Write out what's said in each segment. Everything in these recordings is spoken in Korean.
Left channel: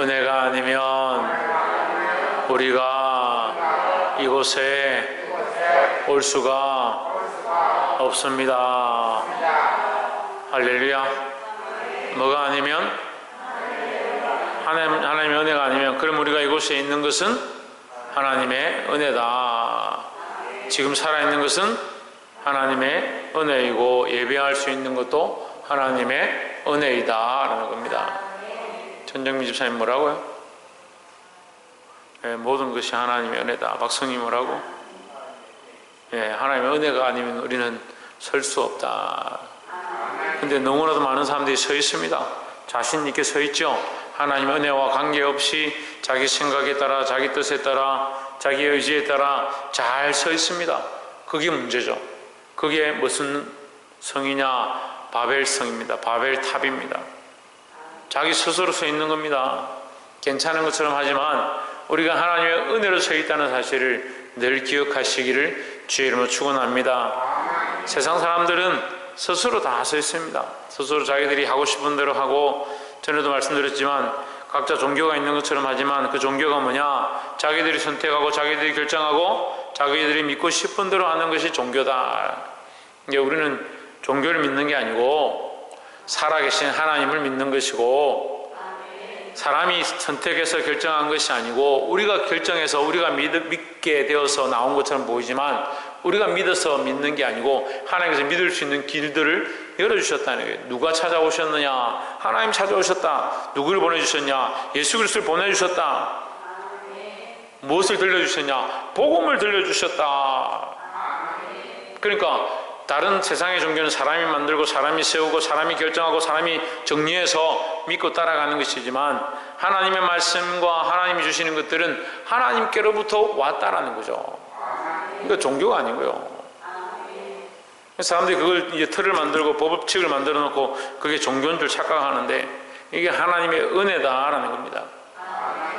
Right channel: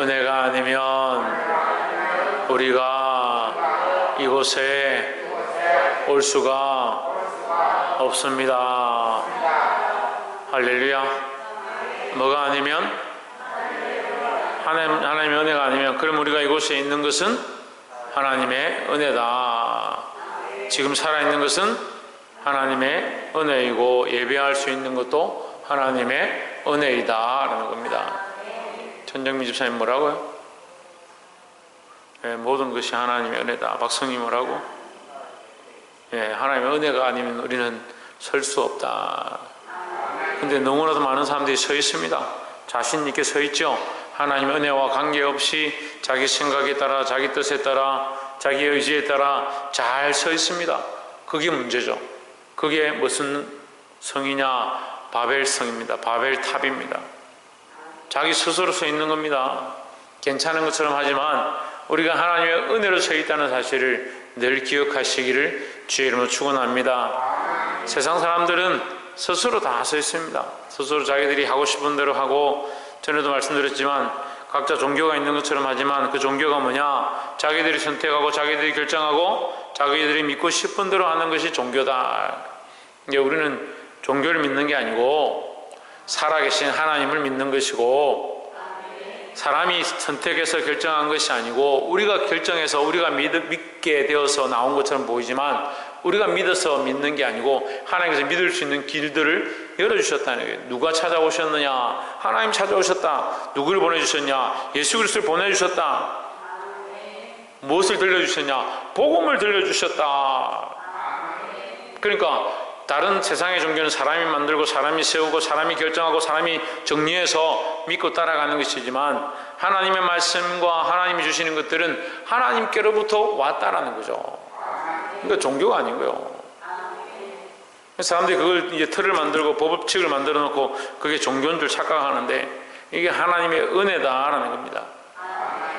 은혜가 아니면 우리가 이곳에 올 수가 없습니다. 할렐루야. 뭐가 아니면? 하나님의 은혜가 아니면, 그럼 우리가 이곳에 있는 것은 하나님의 은혜다. 지금 살아있는 것은 하나님의 은혜이고, 예배할 수 있는 것도 하나님의 은혜이다 라는 겁니다. 전정민 집사님 뭐라고요? 모든 것이 하나님의 은혜다. 박성님 뭐라고? 하나님의 은혜가 아니면 우리는 설 수 없다. 근데 너무나도 많은 사람들이 서 있습니다. 자신 있게 서 있죠. 하나님의 은혜와 관계없이 자기 생각에 따라, 자기 뜻에 따라, 자기 의지에 따라 잘 서 있습니다. 그게 문제죠. 그게 무슨 성이냐? 바벨성입니다. 바벨탑입니다. 자기 스스로 서 있는 겁니다. 괜찮은 것처럼 하지만 우리가 하나님의 은혜로 서 있다는 사실을 늘 기억하시기를 주의 이름으로 축원합니다. 세상 사람들은 스스로 다 서 있습니다. 스스로 자기들이 하고 싶은 대로 하고, 전에도 말씀드렸지만 각자 종교가 있는 것처럼 하지만 그 종교가 뭐냐? 자기들이 선택하고 자기들이 결정하고 자기들이 믿고 싶은 대로 하는 것이 종교다. 우리는 종교를 믿는 게 아니고 살아계신 하나님을 믿는 것이고, 사람이 선택해서 결정한 것이 아니고 우리가 결정해서 우리가 믿게 되어서 나온 것처럼 보이지만 우리가 믿어서 믿는 게 아니고 하나님께서 믿을 수 있는 길들을 열어주셨다는 거예요. 누가 찾아오셨느냐? 하나님 찾아오셨다. 누구를 보내주셨냐? 예수 그리스도를 보내주셨다. 무엇을 들려주셨냐? 복음을 들려주셨다. 그러니까 다른 세상의 종교는 사람이 만들고 사람이 세우고 사람이 결정하고 사람이 정리해서 믿고 따라가는 것이지만, 하나님의 말씀과 하나님이 주시는 것들은 하나님께로부터 왔다라는 거죠. 그러니까 종교가 아니고요. 사람들이 그걸 이제 틀을 만들고 법칙을 만들어 놓고 그게 종교인 줄 착각하는데, 이게 하나님의 은혜다라는 겁니다.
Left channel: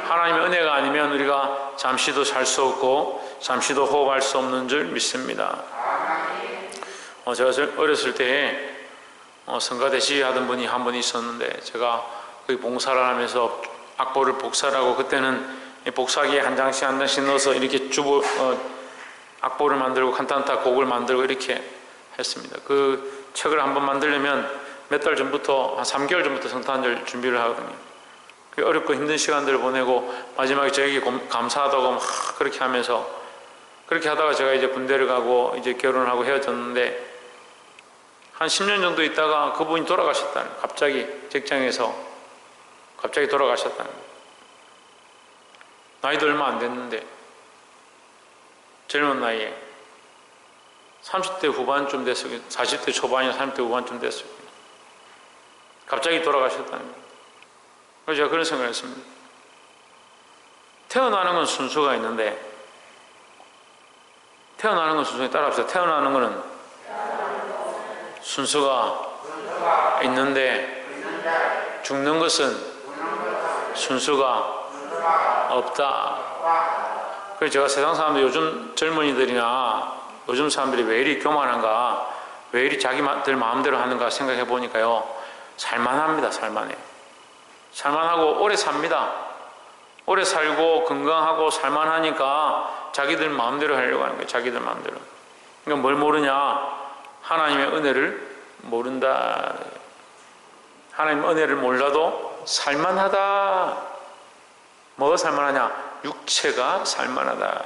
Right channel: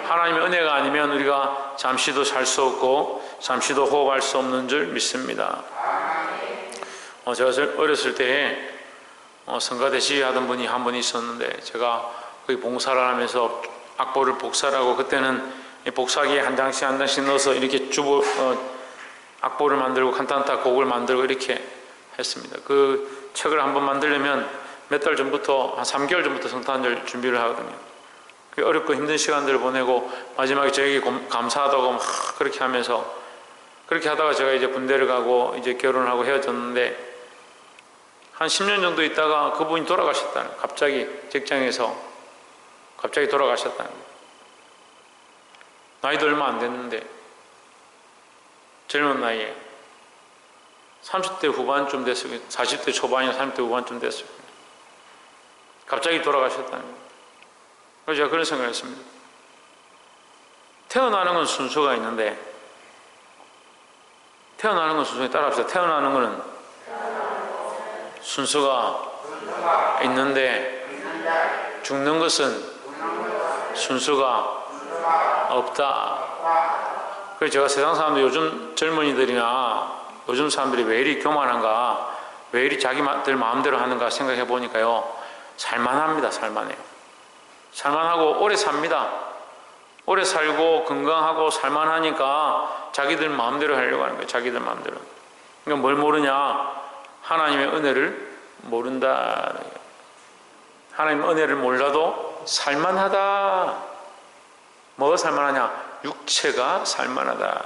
하나님의 은혜가 아니면 우리가 잠시도 살 수 없고 잠시도 호흡할 수 없는 줄 믿습니다. 제가 어렸을 때 성가대 지휘하던 분이 한 분 있었는데, 제가 거기 봉사를 하면서 악보를 복사하고, 그때는 복사기에 한 장씩 한 장씩 넣어서 이렇게 악보를 만들고 칸타타 곡을 만들고 이렇게 했습니다. 그 책을 한번 만들려면 몇 달 전부터, 한 3개월 전부터 성탄절 준비를 하거든요. 어렵고 힘든 시간들을 보내고 마지막에 저에게 감사하다고 막 그렇게 하면서, 그렇게 하다가 제가 이제 군대를 가고 이제 결혼을 하고 헤어졌는데, 한 10년 정도 있다가 그분이 돌아가셨다는 거예요. 갑자기 직장에서 갑자기 돌아가셨다는 거예요. 나이도 얼마 안 됐는데, 젊은 나이에 30대 후반쯤 됐어요. 40대 초반이나 30대 후반쯤 됐어요. 갑자기 돌아가셨다는 거예요. 그래서 제가 그런 생각을 했습니다. 태어나는 건 순서가 있는데, 태어나는 건 순서에 따라합시다. 태어나는 거는 순서가 있는데 죽는 것은 순서가 없다. 그래서 제가 세상 사람들, 요즘 젊은이들이나 요즘 사람들이 왜 이리 교만한가, 왜 이리 자기들 마음대로 하는가 생각해 보니까요, 살만합니다. 살만해요. 살만하고 오래 삽니다. 오래 살고 건강하고 살만하니까 자기들 마음대로 하려고 하는 거예요. 자기들 마음대로. 그러니까 뭘 모르냐? 하나님의 은혜를 모른다. 하나님의 은혜를 몰라도 살만하다. 뭐가 살만하냐? 육체가 살만하다.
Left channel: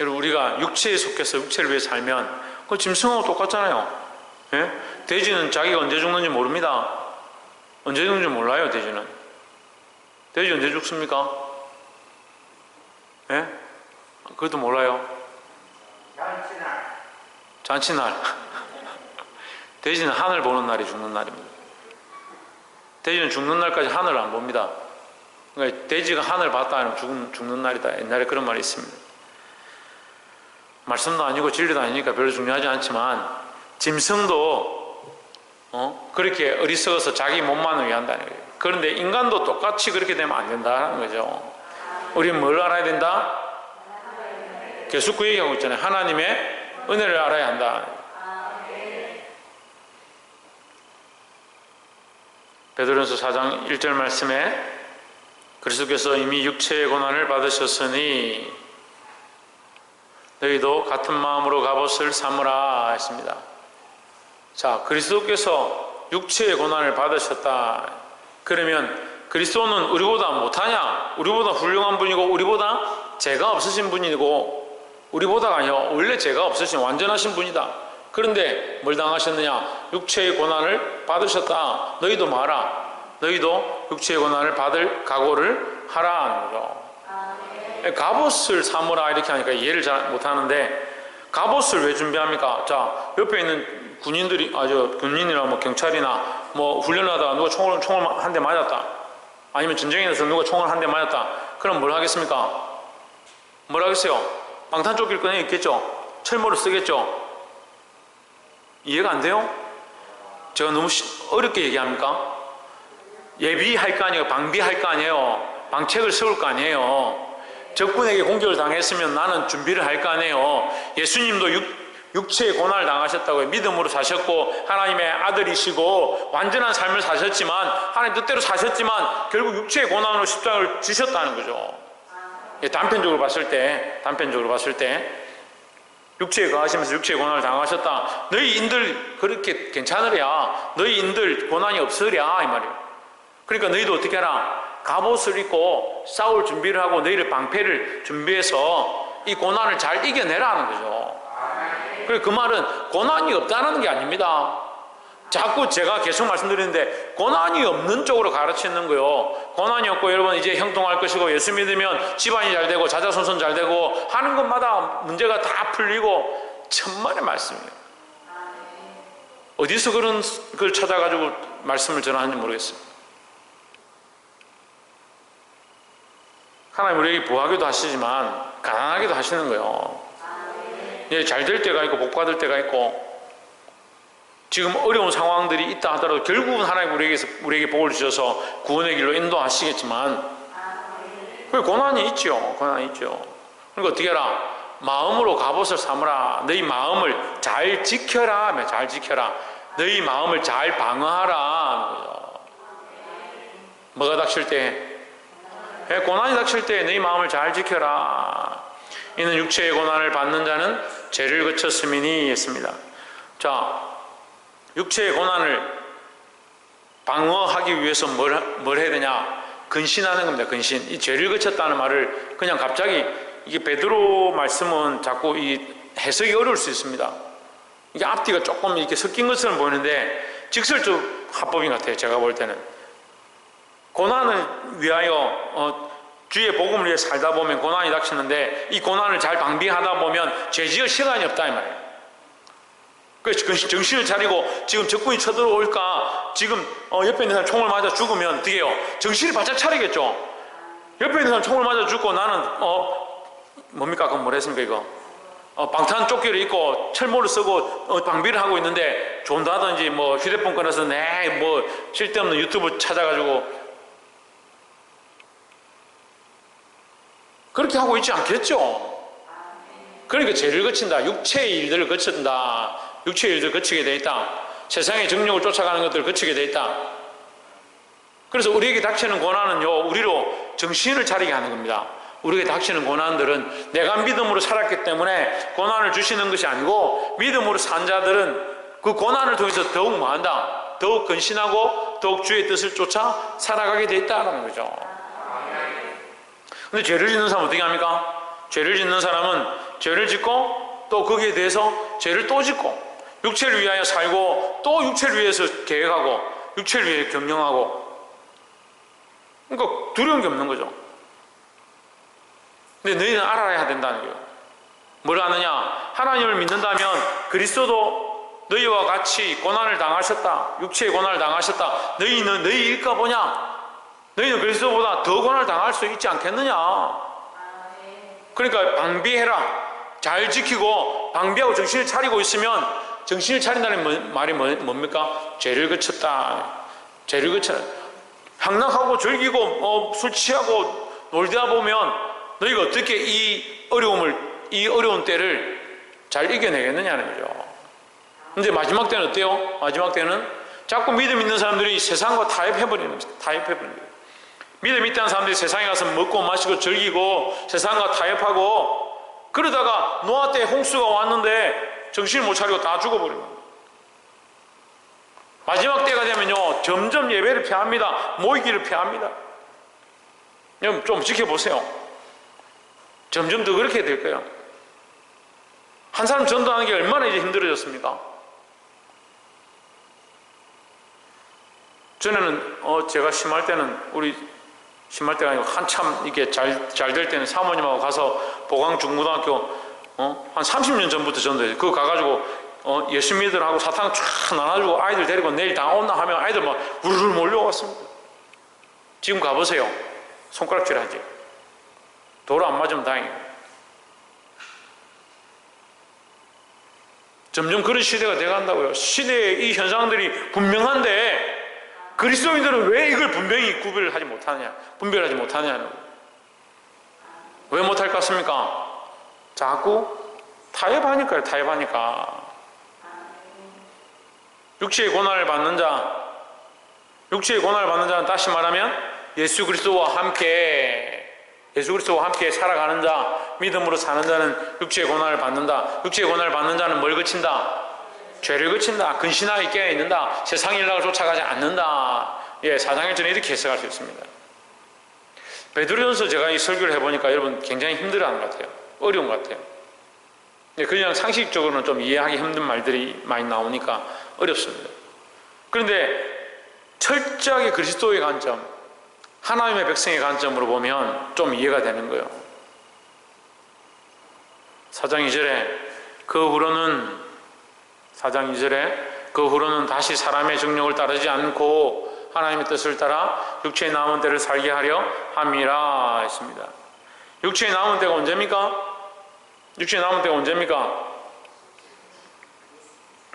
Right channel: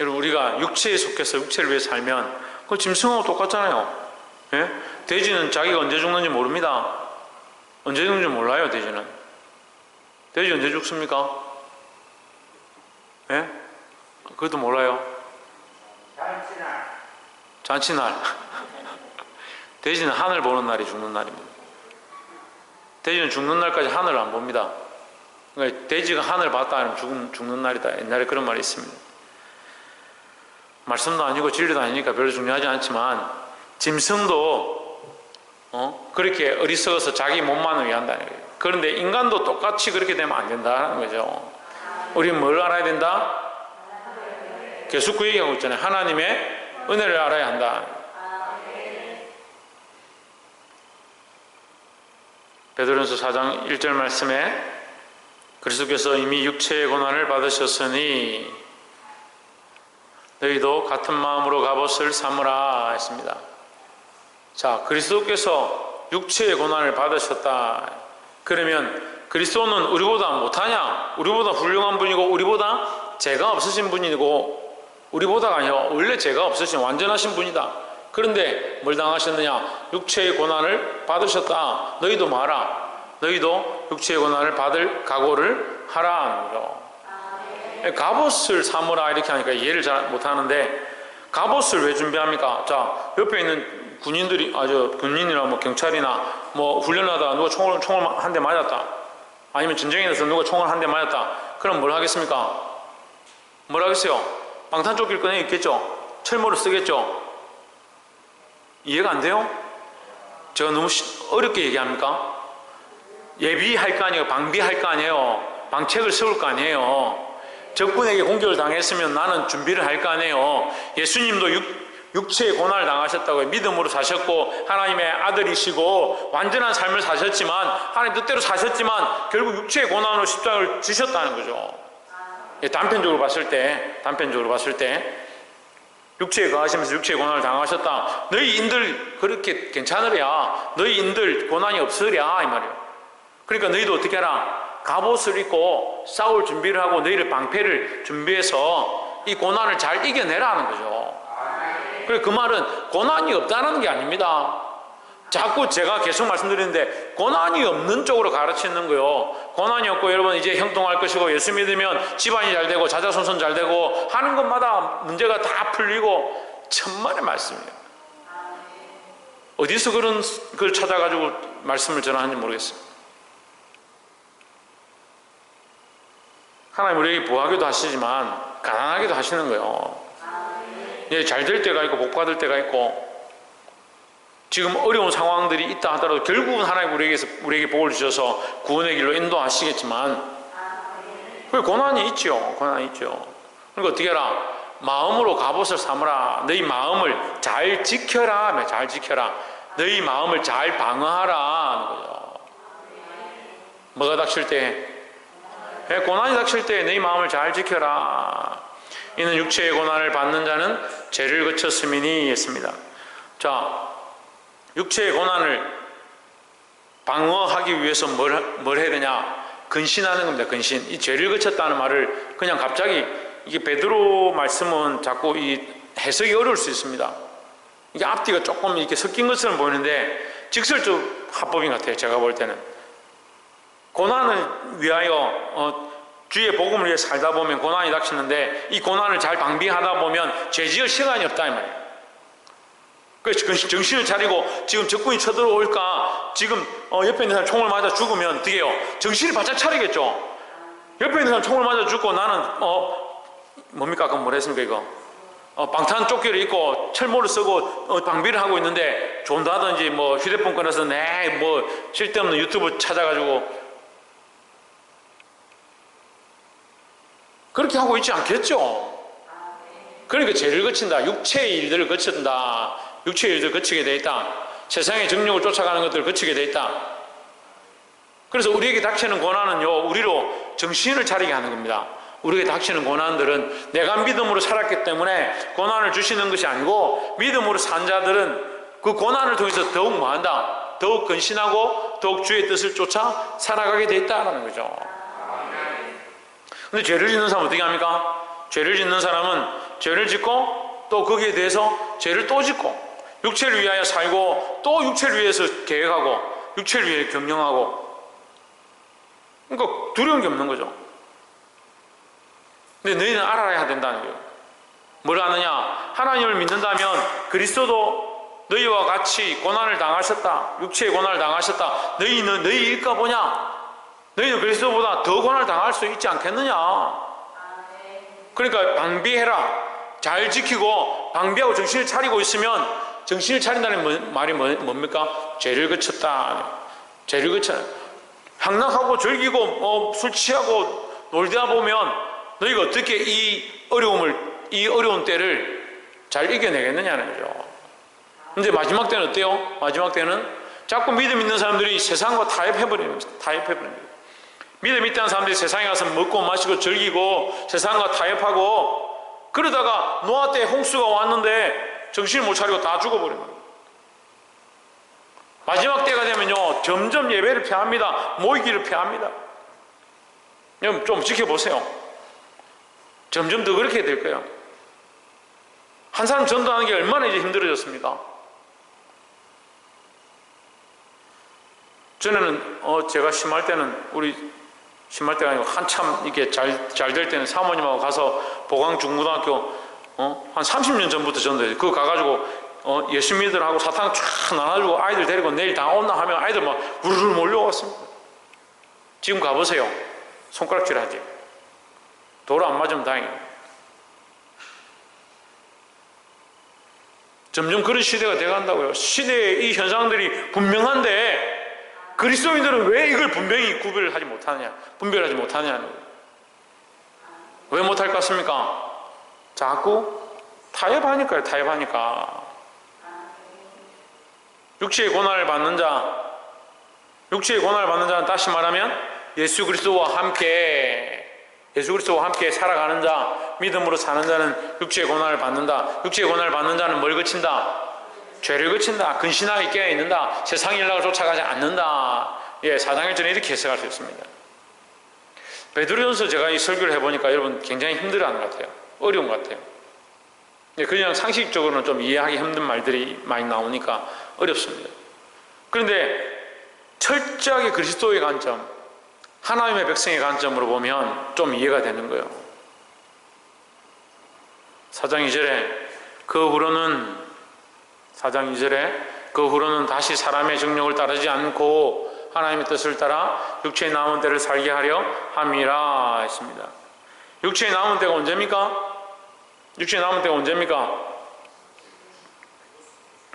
여러분, 우리가 육체에 속해서 육체를 위해 살면 그 짐승하고 똑같잖아요. 예? 돼지는 자기가 언제 죽는지 모릅니다. 언제 죽는지 몰라요. 돼지는. 돼지 언제 죽습니까? 예? 그것도 몰라요. 잔치날. 돼지는 하늘 보는 날이 죽는 날입니다. 돼지는 죽는 날까지 하늘을 안 봅니다. 그러니까 돼지가 하늘 봤다 하면 죽는 날이다. 옛날에 그런 말이 있습니다. 말씀도 아니고 진리도 아니니까 별로 중요하지 않지만, 짐승도 그렇게 어리석어서 자기 몸만을 위한다는 거예요. 그런데 인간도 똑같이 그렇게 되면 안 된다는 거죠. 우리는 뭘 알아야 된다? 계속 그 얘기하고 있잖아요. 하나님의 은혜를 알아야 한다. 베드로전서 4장 1절 말씀에 그리스도께서 이미 육체의 고난을 받으셨으니 너희도 같은 마음으로 갑옷을 삼으라 했습니다. 자, 그리스도께서 육체의 고난을 받으셨다. 그러면 그리스도는 우리보다 못하냐? 우리보다 훌륭한 분이고 우리보다 죄가 없으신 분이고 우리보다가 아니라 원래 죄가 없으신 완전하신 분이다. 그런데 뭘 당하셨느냐? 육체의 고난을 받으셨다. 너희도 마라. 너희도 육체의 고난을 받을 각오를 하라 하는 거죠. 갑옷을 삼으라 이렇게 하니까 이해를 잘 못하는데 갑옷을 왜 준비합니까? 자, 옆에 있는 군인들이 군인이나 뭐 경찰이나 뭐 훈련하다가 누가 총을 한 대 맞았다. 아니면 전쟁에 나서 누가 총을 한 대 맞았다. 그럼 뭘 하겠습니까? 뭘 하겠어요? 방탄조끼를 꺼내 입겠죠? 철모를 쓰겠죠? 이해가 안 돼요? 제가 너무 어렵게 얘기합니까? 예비할 거 아니에요? 방비할 거 아니에요? 방책을 세울 거 아니에요? 적군에게 공격을 당했으면 나는 준비를 할 거 아니에요? 예수님도 육체의 고난을 당하셨다고요. 믿음으로 사셨고 하나님의 아들이시고 완전한 삶을 사셨지만 하나님 뜻대로 사셨지만 결국 육체의 고난으로 십자가를 지셨다는 거죠. 단편적으로 봤을 때 육체에 거하시면서 육체의 고난을 당하셨다. 너희 인들 그렇게 괜찮으랴. 너희 인들 고난이 없으랴 이 말이에요. 그러니까 너희도 어떻게 하라? 갑옷을 입고 싸울 준비를 하고 너희를 방패를 준비해서 이 고난을 잘 이겨내라는 거죠. 그래서 그 말은 고난이 없다는 게 아닙니다. 자꾸 제가 계속 말씀드리는데 고난이 없는 쪽으로 가르치는 거요. 고난이 없고 여러분 이제 형통할 것이고 예수 믿으면 집안이 잘 되고 자자손손 잘 되고 하는 것마다 문제가 다 풀리고 천만의 말씀이에요. 어디서 그런 걸 찾아가지고 말씀을 전하는지 모르겠어요. 하나님 우리에게 부하기도 하시지만 가난하게도 하시는 거예요. 잘 될 때가 있고 복 받을 때가 있고 지금 어려운 상황들이 있다 하더라도 결국은 하나님 우리에게 복을 주셔서 구원의 길로 인도하시겠지만 고난이 있죠. 그러니까 어떻게 해라? 마음으로 갑옷을 삼으라. 너희 마음을 잘 지켜라. 잘 지켜라. 너희 마음을 잘 방어하라. 뭐가 닥칠 때? 고난이 닥칠 때 너희 마음을 잘 지켜라. 이는 육체의 고난을 받는 자는 죄를 거쳤음이니 했습니다. 자, 육체의 고난을 방어하기 위해서 뭘 해야 되냐? 근신하는 겁니다. 근신. 이 죄를 거쳤다는 말을 그냥 갑자기 이게 베드로 말씀은 자꾸 이 해석이 어려울 수 있습니다. 이게 앞뒤가 조금 이렇게 섞인 것처럼 보이는데 직설적 합법인 것 같아요. 제가 볼 때는. 고난을 위하여 주의 복음을 위해 살다 보면 고난이 닥치는데 이 고난을 잘 방비하다 보면 죄 지을 시간이 없다 이 말이에요. 그래서 정신을 차리고 지금 적군이 쳐들어올까 지금 옆에 있는 사람 총을 맞아 죽으면 어떻게 해요? 정신을 바짝 차리겠죠. 옆에 있는 사람 총을 맞아 죽고 나는 뭡니까? 그럼 뭘 했습니까 이거? 방탄조끼를 입고 철모를 쓰고 방비를 하고 있는데 존다든지 뭐 휴대폰 꺼내서 뭐 쓸데없는 유튜브 찾아가지고 그렇게 하고 있지 않겠죠? 그러니까 죄를 거친다. 육체의 일들을 거친다. 육체의 일들을 거치게 돼 있다. 세상의 정욕을 쫓아가는 것들을 거치게 돼 있다. 그래서 우리에게 닥치는 고난은요, 우리로 정신을 차리게 하는 겁니다. 우리에게 닥치는 고난들은 내가 믿음으로 살았기 때문에 고난을 주시는 것이 아니고 믿음으로 산 자들은 그 고난을 통해서 더욱 뭐한다? 더욱 근신하고 더욱 주의 뜻을 쫓아 살아가게 돼 있다는 거죠. 근데 죄를 짓는 사람은 어떻게 합니까? 죄를 짓는 사람은 죄를 짓고 또 거기에 대해서 죄를 또 짓고 육체를 위하여 살고 또 육체를 위해서 계획하고 육체를 위해 경영하고 그러니까 두려운 게 없는 거죠. 근데 너희는 알아야 된다는 거예요. 뭘 아느냐? 하나님을 믿는다면 그리스도도 너희와 같이 고난을 당하셨다. 육체의 고난을 당하셨다. 너희는 너희 일까 보냐? 너희는 그리스도보다 더 고난을 당할 수 있지 않겠느냐? 그러니까 방비해라. 잘 지키고 방비하고 정신을 차리고 있으면 정신을 차린다는 말이 뭡니까? 죄를 거쳤다. 죄를 거쳐. 향락하고 즐기고 술 취하고 놀다 보면 너희가 어떻게 이 어려운 때를 잘 이겨내겠느냐는 거죠. 근데 마지막 때는 어때요? 마지막 때는 자꾸 믿음 있는 사람들이 세상과 타협해버리는 거예요. 타협해버리는 거예요. 믿음 있다는 사람들이 세상에 가서 먹고 마시고 즐기고 세상과 타협하고 그러다가 노아 때 홍수가 왔는데 정신을 못 차리고 다 죽어버리는 거예요. 마지막 때가 되면요 점점 예배를 피합니다. 모이기를 피합니다. 여러분 좀 지켜보세요. 점점 더 그렇게 될 거예요. 한 사람 전도하는 게 얼마나 이제 힘들어졌습니까? 전에는 제가 심할 때는 심할 때가 아니고 한참 이게 잘 될 때는 사모님하고 가서 보광중고등학교 한 30년 전부터 전도해요. 그거 가가지고 예수 믿으라고 사탕 쫙 나눠주고 아이들 데리고 내일 다 온다 하면 아이들 막 우르르 몰려왔습니다. 지금 가보세요. 손가락질 하지. 도로 안 맞으면 다행이에요. 점점 그런 시대가 돼간다고요. 시대의 이 현상들이 분명한데 그리스도인들은 왜 이걸 분명히 분별하지 못하느냐. 왜 못할 것 같습니까? 자꾸 타협하니까요. 타협하니까. 육체의 고난을 받는 자는 다시 말하면 예수 그리스도와 함께 살아가는 자, 믿음으로 사는 자는 육체의 고난을 받는다. 육체의 고난을 받는 자는 뭘 그친다? 죄를 그친다. 근신하게 깨어있는다. 세상 일락을 쫓아가지 않는다. 4장 1절에 이렇게 해석할 수 있습니다. 베드로전서 제가 이 설교를 해보니까 여러분 굉장히 힘들어하는 것 같아요. 어려운 것 같아요. 그냥 상식적으로는 좀 이해하기 힘든 말들이 많이 나오니까 어렵습니다. 그런데 철저하게 그리스도의 관점, 하나님의 백성의 관점으로 보면 좀 이해가 되는 거예요. 4장 2절에 그 후로는 다시 사람의 정욕을 따르지 않고 하나님의 뜻을 따라 육체의 남은 때를 살게 하려 함이라 했습니다. 육체의 남은 때가 언제입니까?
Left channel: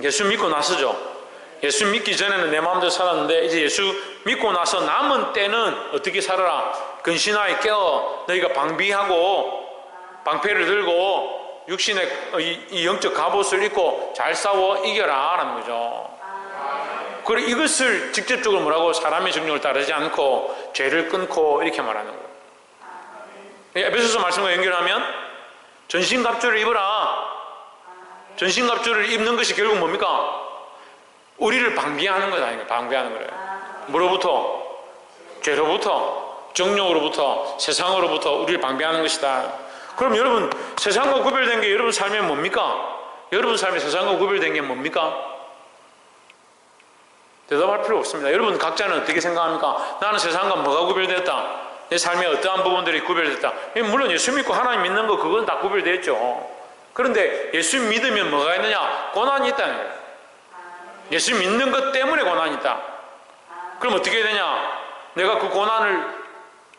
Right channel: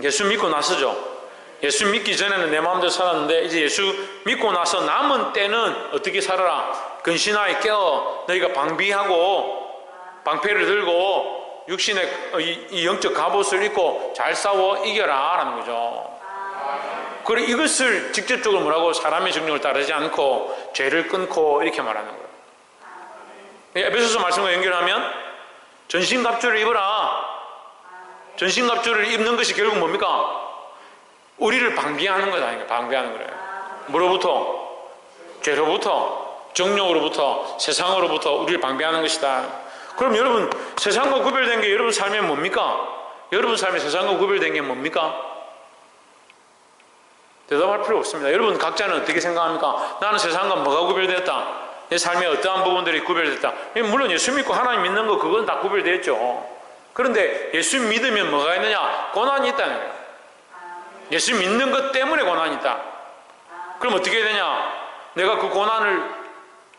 예수 믿고 나서죠. 예수 믿기 전에는 내 마음대로 살았는데 이제 예수 믿고 나서 남은 때는 어떻게 살아라? 근신하에 깨어 너희가 방비하고 방패를 들고 육신의 이 영적 갑옷을 입고 잘 싸워 이겨라 라는 거죠. 그리고 이것을 직접적으로 뭐라고? 사람의 정욕을 따르지 않고 죄를 끊고 이렇게 말하는 거예요. 에베소서 말씀과 연결하면 전신갑주를 입어라. 전신갑주를 입는 것이 결국 뭡니까? 우리를 방비하는 거다. 방비하는 거예요. 뭐로부터? 죄로부터, 정욕으로부터, 세상으로부터 우리를 방비하는 것이다. 그럼 여러분 세상과 구별된 게 여러분 삶에 뭡니까? 여러분 삶에 세상과 구별된 게 뭡니까? 대답할 필요 없습니다. 여러분 각자는 어떻게 생각합니까? 나는 세상과 뭐가 구별됐다? 내 삶의 어떠한 부분들이 구별됐다? 물론 예수 믿고 하나님 믿는 거 그건 다 구별됐죠. 그런데 예수 믿으면 뭐가 있느냐? 고난이 있다는 거예요. 예수 믿는 것 때문에 고난이 있다. 그럼 어떻게 되냐? 내가 그 고난을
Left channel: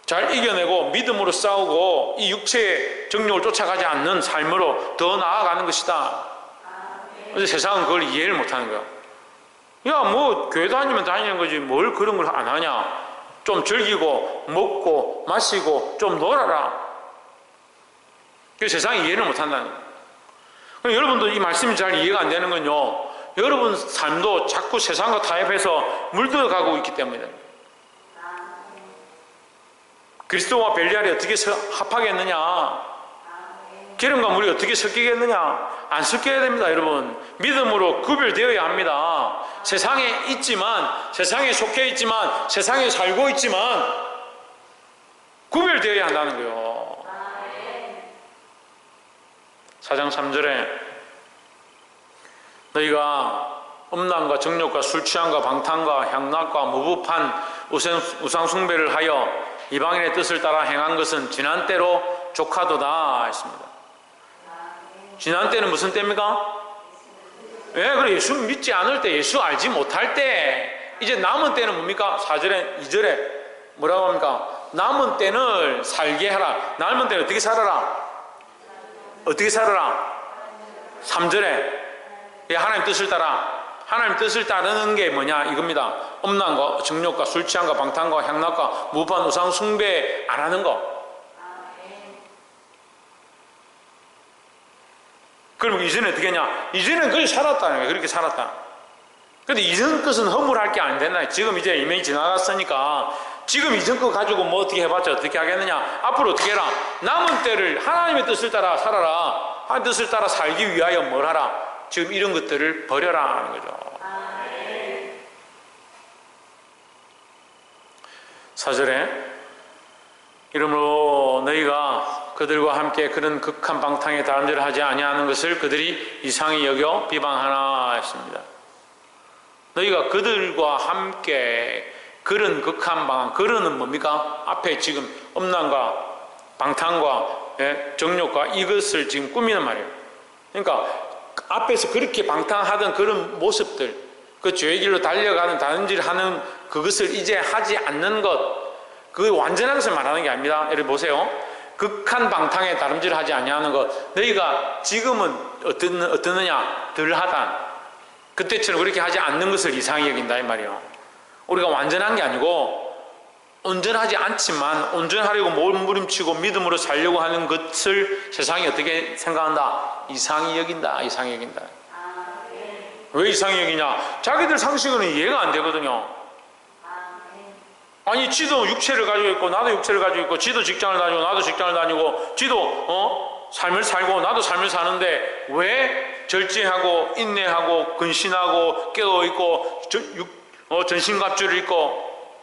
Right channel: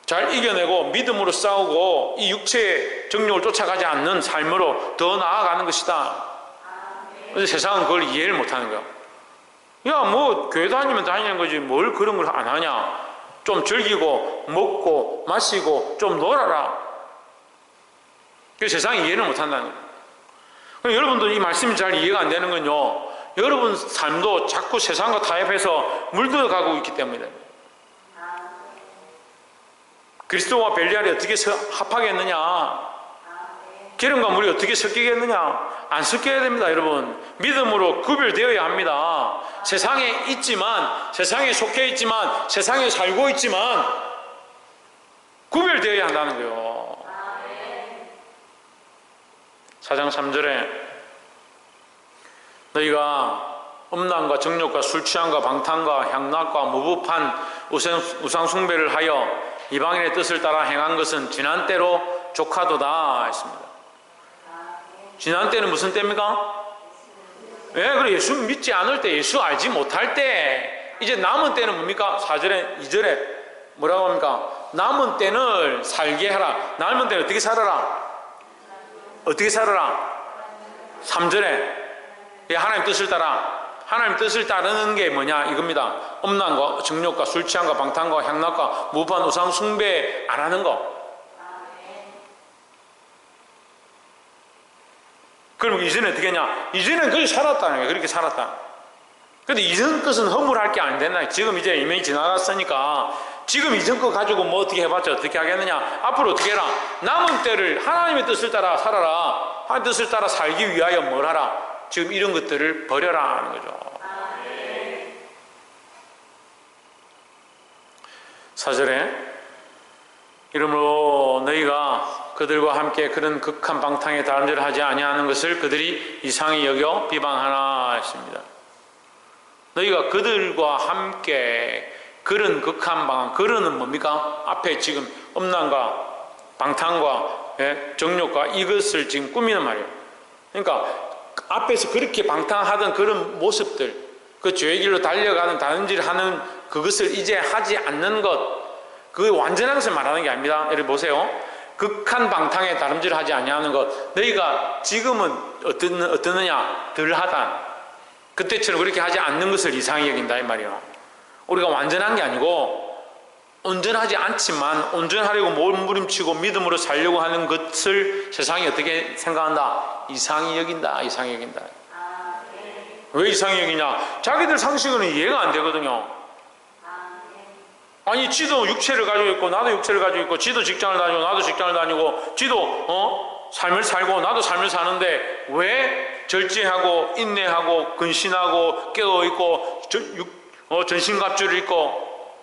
잘 이겨내고 믿음으로 싸우고 이 육체의 정욕을 쫓아가지 않는 삶으로 더 나아가는 것이다. 그런데 세상은 그걸 이해를 못하는 거야. 야, 뭐 교회 다니면 다니는 거지 뭘 그런 걸 안 하냐? 좀 즐기고 먹고 마시고 좀 놀아라. 그 세상이 이해를 못한다는 거예요. 여러분도 이 말씀이 잘 이해가 안 되는 건요, 여러분 삶도 자꾸 세상과 타협해서 물들어가고 있기 때문이다. 그리스도와 벨리알이 어떻게 합하겠느냐? 기름과 물이 어떻게 섞이겠느냐? 안 섞여야 됩니다, 여러분. 믿음으로 구별되어야 합니다. 세상에 있지만, 세상에 속해 있지만, 세상에 살고 있지만 구별되어야 한다는 거예요. 4장 3절에 너희가 음란과 정욕과 술취함과 방탕과 향락과 무법한 우상 숭배를 하여 이방인의 뜻을 따라 행한 것은 지난 때로 족하도다 했습니다. 지난 때는 무슨 때입니까? 그래 예수 믿지 않을 때, 예수 알지 못할 때. 이제 남은 때는 뭡니까? 4절에 2절에 뭐라고 합니까? 남은 때는 살게 하라. 남은 때는 어떻게 살아라? 3절에 하나님 뜻을 따라. 하나님 뜻을 따르는 게 뭐냐? 이겁니다. 음란과 정욕과 술취함과 방탕과 향락과 무법한 우상 숭배 안 하는 거. 그럼 이제는 어떻게 했냐? 이제는 그렇게 살았다는 거예요. 그렇게 살았다. 근데 이전 것은 허물할 게 안 되나? 지금 이제 이명이 지나갔으니까 지금 이전 거 가지고 뭐 어떻게 해봤자 어떻게 하겠느냐? 앞으로 어떻게 해라? 남은 때를 하나님의 뜻을 따라 살아라. 하나님의 뜻을 따라 살기 위하여 뭘 하라? 지금 이런 것들을 버려라 하는 거죠. 4절에 이러므로 너희가 그들과 함께 그런 극한 방탕에 다름질을 하지 아니하는 것을 그들이 이상히 여겨 비방하나 했습니다. 너희가 그들과 함께 그런 극한 방탕, 그런은 뭡니까? 앞에 지금 음란과 방탕과 정욕과 이것을 지금 꾸미는 말이에요. 그러니까 앞에서 그렇게 방탕하던 그런 모습들, 그 죄의 길로 달려가는 다름질하는 그것을 이제 하지 않는 것, 그 완전한 것을 말하는 게 아닙니다. 예를 보세요. 극한 방탕에 다름질하지 아니하는 것, 너희가 지금은 어떠느냐? 덜하다. 그때처럼 그렇게 하지 않는 것을 이상히 여긴다 이 말이에요. 우리가 완전한 게 아니고 온전하지 않지만 온전하려고 몸부림치고 믿음으로 살려고 하는 것을 세상이 어떻게 생각한다? 이상히 여긴다. 이상히 여긴다. 왜 이상히 여기냐? 자기들 상식은 이해가 안 되거든요. 아니 지도 육체를 가지고 있고 나도 육체를 가지고 있고, 지도 직장을 다니고 나도 직장을 다니고, 지도 삶을 살고 나도 삶을 사는데 왜 절제하고 인내하고 근신하고 깨어있고 전신갑주를 입고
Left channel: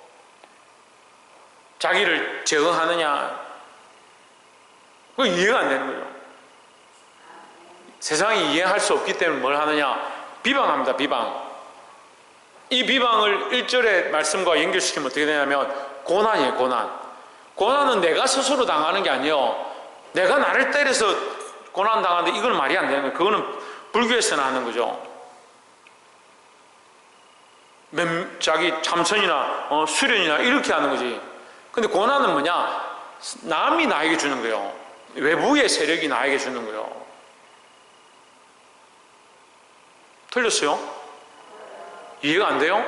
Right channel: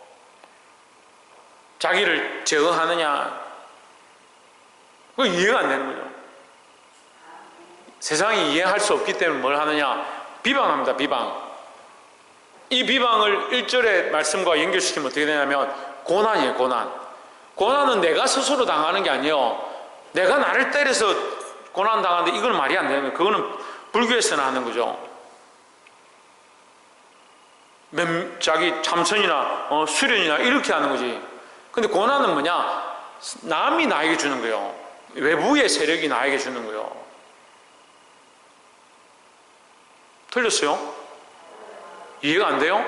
자기를 제어하느냐? 그거 이해가 안 되는 거죠. 세상이 이해할 수 없기 때문에 뭘 하느냐? 비방합니다. 비방. 이 비방을 1절의 말씀과 연결시키면 어떻게 되냐면 고난이에요. 고난. 고난은 내가 스스로 당하는 게 아니에요. 내가 나를 때려서 고난 당하는데 이건 말이 안 되는 거예요. 그거는 불교에서는 하는 거죠. 자기 참선이나 수련이나 이렇게 하는 거지. 근데 고난은 뭐냐? 남이 나에게 주는 거예요. 외부의 세력이 나에게 주는 거예요. 틀렸어요? 이해가 안 돼요?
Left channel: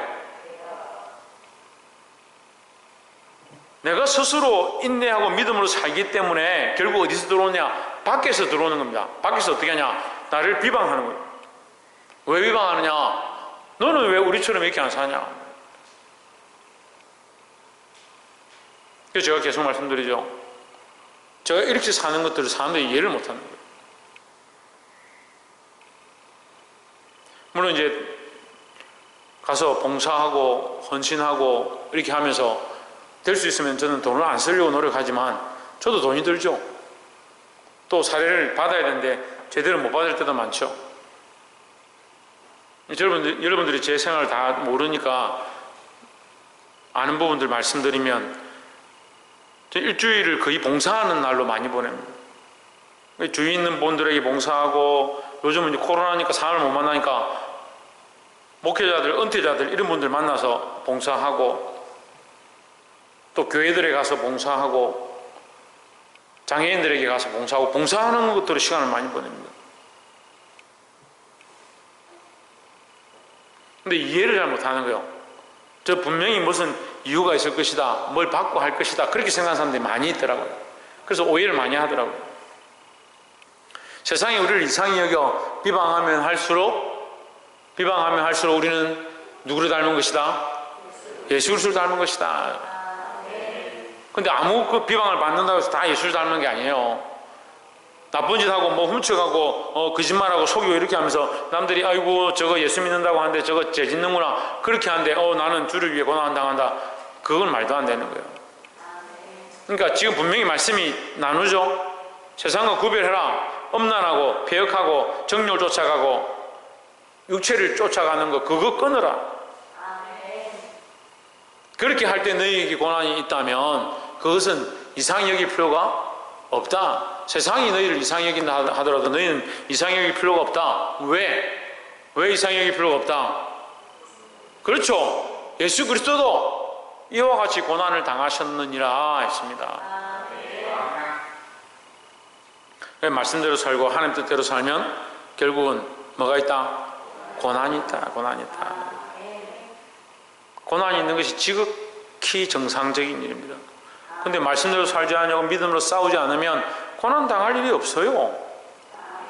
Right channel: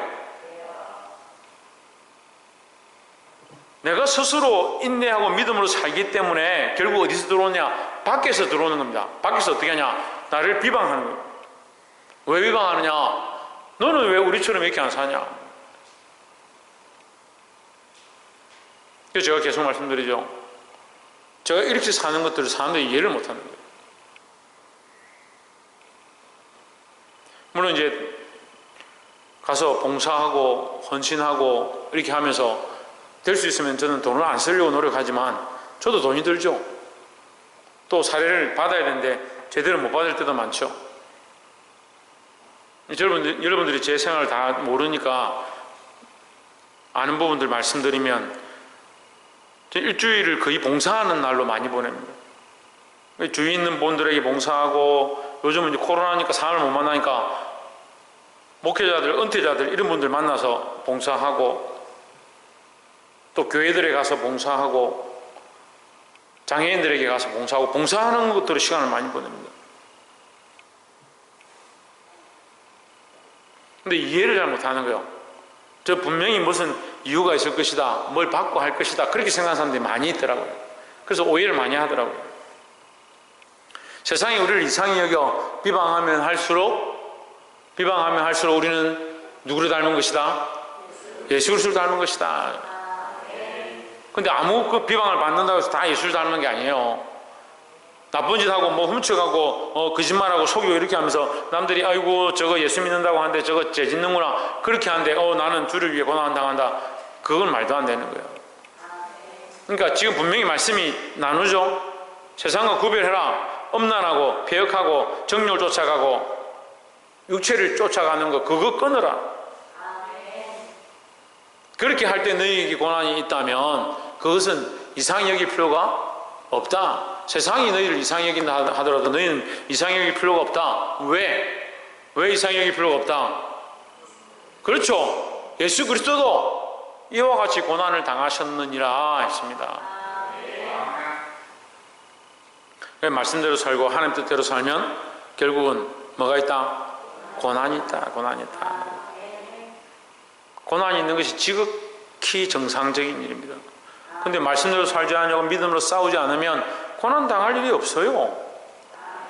내가 스스로 인내하고 믿음으로 살기 때문에 결국 어디서 들어오냐? 밖에서 들어오는 겁니다. 밖에서 어떻게 하냐? 나를 비방하는 거예요. 왜 비방하느냐? 너는 왜 우리처럼 이렇게 안 사냐? 그래서 제가 계속 말씀드리죠. 제가 이렇게 사는 것들을 사람들이 이해를 못하는 거예요. 물론 이제 가서 봉사하고 헌신하고 이렇게 하면서 될 수 있으면 저는 돈을 안 쓰려고 노력하지만 저도 돈이 들죠. 또 사례를 받아야 되는데 제대로 못 받을 때도 많죠. 여러분들이 제 생활을 다 모르니까 아는 부분들 말씀드리면 일주일을 거의 봉사하는 날로 많이 보냅니다. 주위 있는 분들에게 봉사하고, 요즘은 이제 코로나니까 사람을 못 만나니까 목회자들, 은퇴자들 이런 분들 만나서 봉사하고, 또 교회들에 가서 봉사하고, 장애인들에게 가서 봉사하고, 봉사하는 것들로 시간을 많이 보냅니다. 근데 이해를 잘 못하는 거예요. 저 분명히 무슨 이유가 있을 것이다, 뭘 받고 할 것이다, 그렇게 생각하는 사람들이 많이 있더라고요. 그래서 오해를 많이 하더라고요. 세상이 우리를 이상히 여겨 비방하면 할수록 우리는 누구를 닮은 것이다? 예수 그리스도를 닮은 것이다. 근데 아무 그 비방을 받는다고 해서 다 예수를 닮은 게 아니에요. 나쁜 짓 하고 뭐 훔쳐가고 거짓말하고 속이고 이렇게 하면서 남들이 아이고 저거 예수 믿는다고 하는데 저거 죄 짓는구나 그렇게 하는데 나는 주를 위해 고난 당한다. 그건 말도 안 되는 거예요. 그러니까 지금 분명히 말씀이 나누죠. 세상과 구별해라. 음란하고 폐역하고 정욕을 쫓아가고 육체를 쫓아가는 거 그거 끊어라. 그렇게 할 때 너희에게 고난이 있다면 그것은 이상히 여길 필요가 없다. 세상이 너희를 이상히 여긴다 하더라도 너희는 이상히 여길 필요가 없다. 왜 이상히 여길 필요가 없다? 그렇죠. 예수 그리스도도 이와 같이 고난을 당하셨느니라 했습니다. 말씀대로 살고 하나님 뜻대로 살면 결국은 뭐가 있다? 고난이 있다. 고난이 있다. 고난이 있는 것이 지극히 정상적인 일입니다. 근데 말씀대로 살지 않으려고 믿음으로 싸우지 않으면 고난 당할 일이 없어요.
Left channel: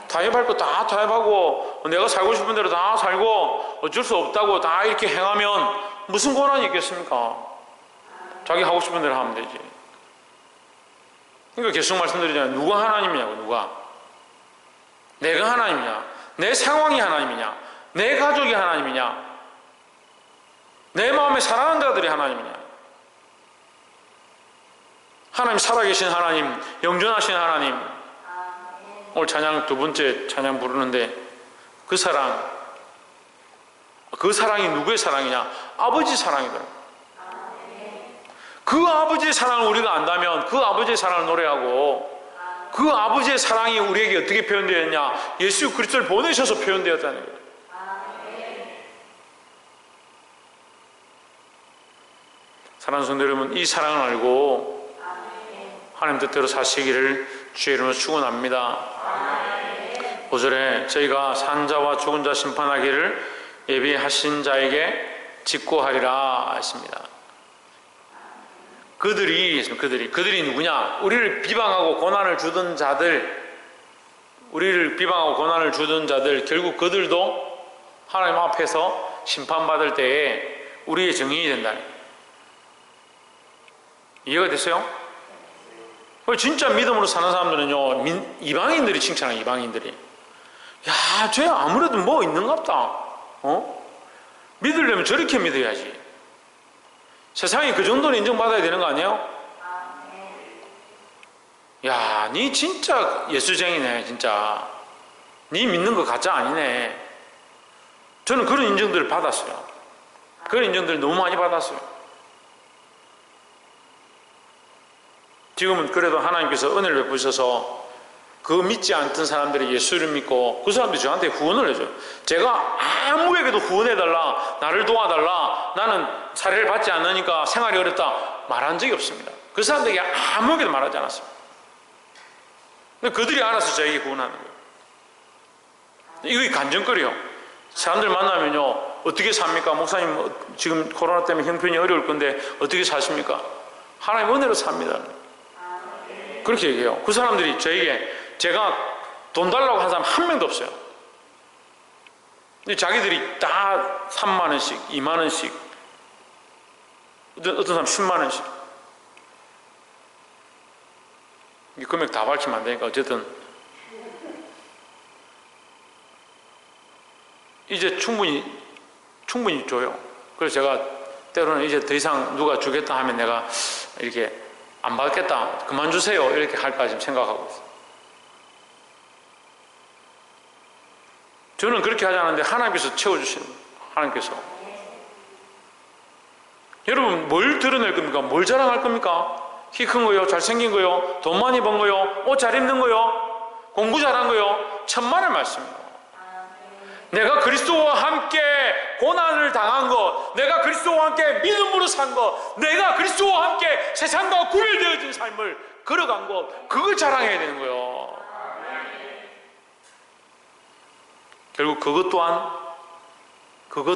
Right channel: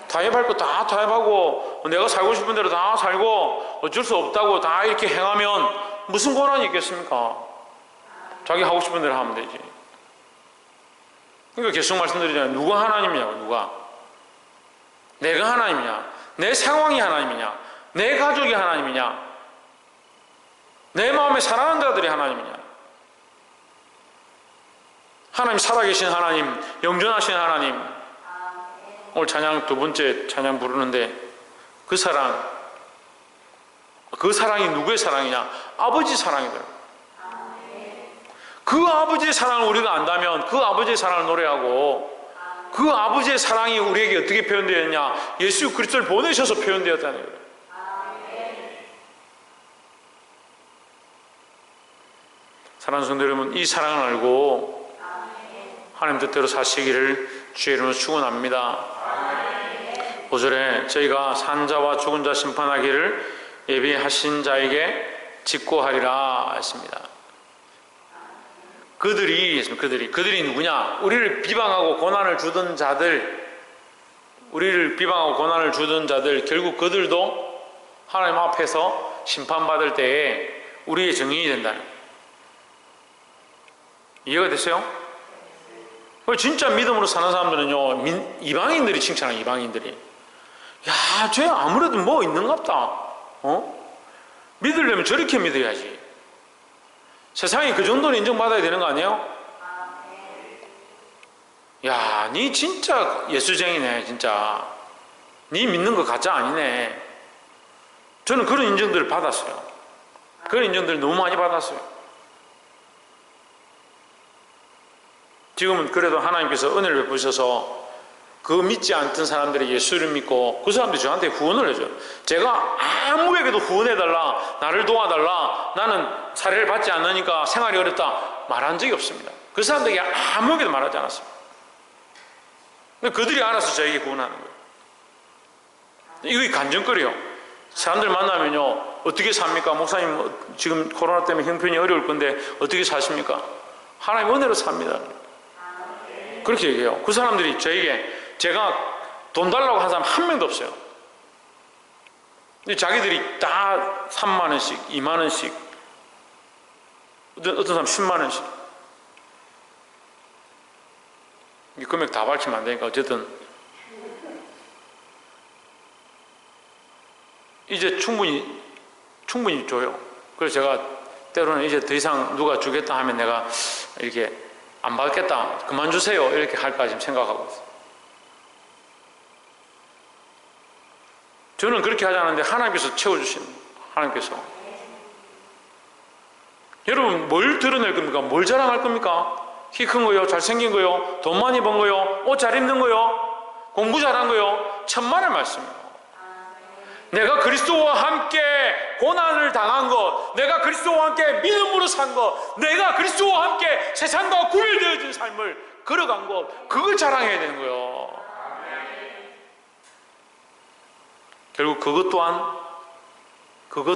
타협할 거 다 타협하고 내가 살고 싶은 대로 다 살고 어쩔 수 없다고 다 이렇게 행하면 무슨 고난이 있겠습니까? 자기 하고 싶은 대로 하면 되지. 그러니까 계속 말씀드리잖아요. 누가 하나님이냐고. 누가? 내가 하나님이냐? 내 상황이 하나님이냐? 내 가족이 하나님이냐? 내 마음에 사랑하는 자들이 하나님이냐? 하나님, 살아계신 하나님, 영존하신 하나님. 오늘 찬양 두 번째 찬양 부르는데 그 사랑이 누구의 사랑이냐? 아버지 사랑이다. 그 아버지의 사랑을 우리가 안다면 그 아버지의 사랑을 노래하고 그 아버지의 사랑이 우리에게 어떻게 표현되었냐? 예수 그리스도를 보내셔서 표현되었다는 거예요. 사랑하는 성도 여러분, 이 사랑을 알고 하나님 뜻대로 사시기를 주의 이름으로 축원합니다. 5절에 저희가 산 자와 죽은 자 심판하기를 예비하신 자에게 직고하리라 했습니다. 그들이 누구냐? 우리를 비방하고 고난을 주던 자들, 결국 그들도 하나님 앞에서 심판받을 때에 우리의 증인이 된다는 거예요. 이해가 됐어요? 진짜 믿음으로 사는 사람들은요, 이방인들이 칭찬해요. 이방인들이. 야, 쟤 아무래도 뭐 있는갑다. 믿으려면 저렇게 믿어야지. 세상에 그 정도는 인정받아야 되는 거 아니에요? 야, 니 진짜 예수쟁이네. 진짜 니 믿는 거 가짜 아니네. 저는 그런 인정들을 받았어요. 그런 인정들을 너무 많이 받았어요. 지금은 그래도 하나님께서 은혜를 베푸셔서 그 믿지 않던 사람들이 예수를 믿고 그 사람들이 저한테 후원을 해줘요. 제가 아무에게도 후원해달라, 나를 도와달라, 나는 사례를 받지 않으니까 생활이 어렵다 말한 적이 없습니다. 그 사람들에게 아무에게도 말하지 않았습니다. 근데 그들이 알아서 저에게 후원하는 거예요. 이게 간증거리요. 사람들 만나면요, 어떻게 삽니까? 목사님 지금 코로나 때문에 형편이 어려울 건데 어떻게 사십니까? 하나님 은혜로 삽니다. 그렇게 얘기해요. 그 사람들이 저에게, 제가 돈 달라고 한 사람 한 명도 없어요. 근데 자기들이 다 3만 원씩, 2만 원씩, 어떤 사람 10만 원씩. 이 금액 다 밝히면 안 되니까 어쨌든 이제 충분히 줘요. 그래서 제가 때로는 이제 더 이상 누가 주겠다 하면 내가 이렇게 안 받겠다, 그만 주세요, 이렇게 할까 지금 생각하고 있어요. 저는 그렇게 하지 않는데 하나님께서 채워주시는 거예요. 하나님께서. 여러분, 뭘 드러낼 겁니까? 뭘 자랑할 겁니까? 키 큰 거요? 잘생긴 거요? 돈 많이 번 거요? 옷 잘 입는 거요? 공부 잘한 거요? 천만의 말씀이에요. 내가 그리스도와 함께 고난을 당한 것, 내가 그리스도와 함께 믿음으로 산 것, 내가 그리스도와 함께 세상과 구별되어진 삶을 걸어간 것, 그걸 자랑해야 되는 거예요. 결국 그것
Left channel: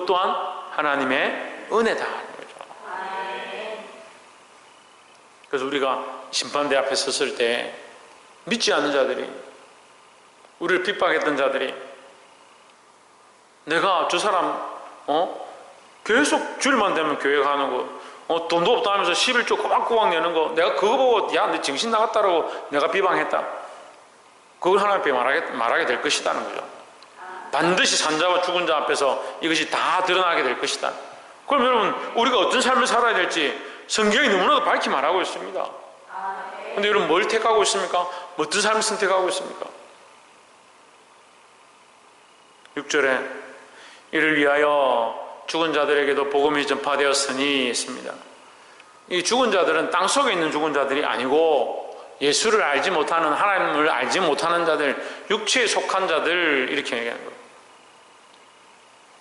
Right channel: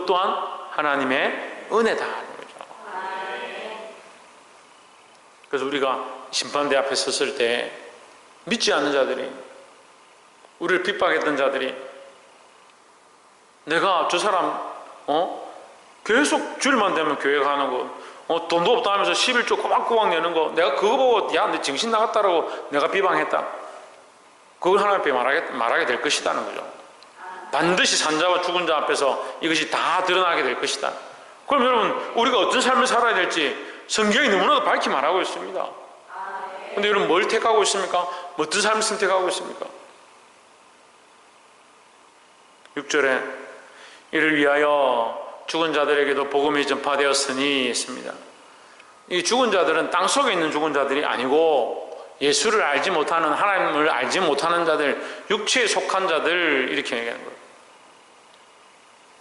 또한 하나님의 은혜다 하는 거죠. 그래서 우리가 심판대 앞에 섰을 때 믿지 않는 자들이, 우리를 핍박했던 자들이, 내가 저 사람 계속 주일만 되면 교회 가는 거, 돈도 없다 하면서 11조 꼬박꼬박 내는 거, 내가 그거 보고 야, 너 정신 나갔다라고 내가 비방했다, 그걸 하나님 앞에 말하게 될 것이다는 거죠. 반드시 산자와 죽은 자 앞에서 이것이 다 드러나게 될 것이다. 그럼 여러분, 우리가 어떤 삶을 살아야 될지 성경이 너무나도 밝히 말하고 있습니다. 근데 여러분, 뭘 택하고 있습니까? 어떤 삶을 선택하고 있습니까? 6절에 이를 위하여 죽은 자들에게도 복음이 전파되었으니 했습니다. 이 죽은 자들은 땅속에 있는 죽은 자들이 아니고 예수를 알지 못하는, 하나님을 알지 못하는 자들, 육체에 속한 자들, 이렇게 얘기하는 거예요.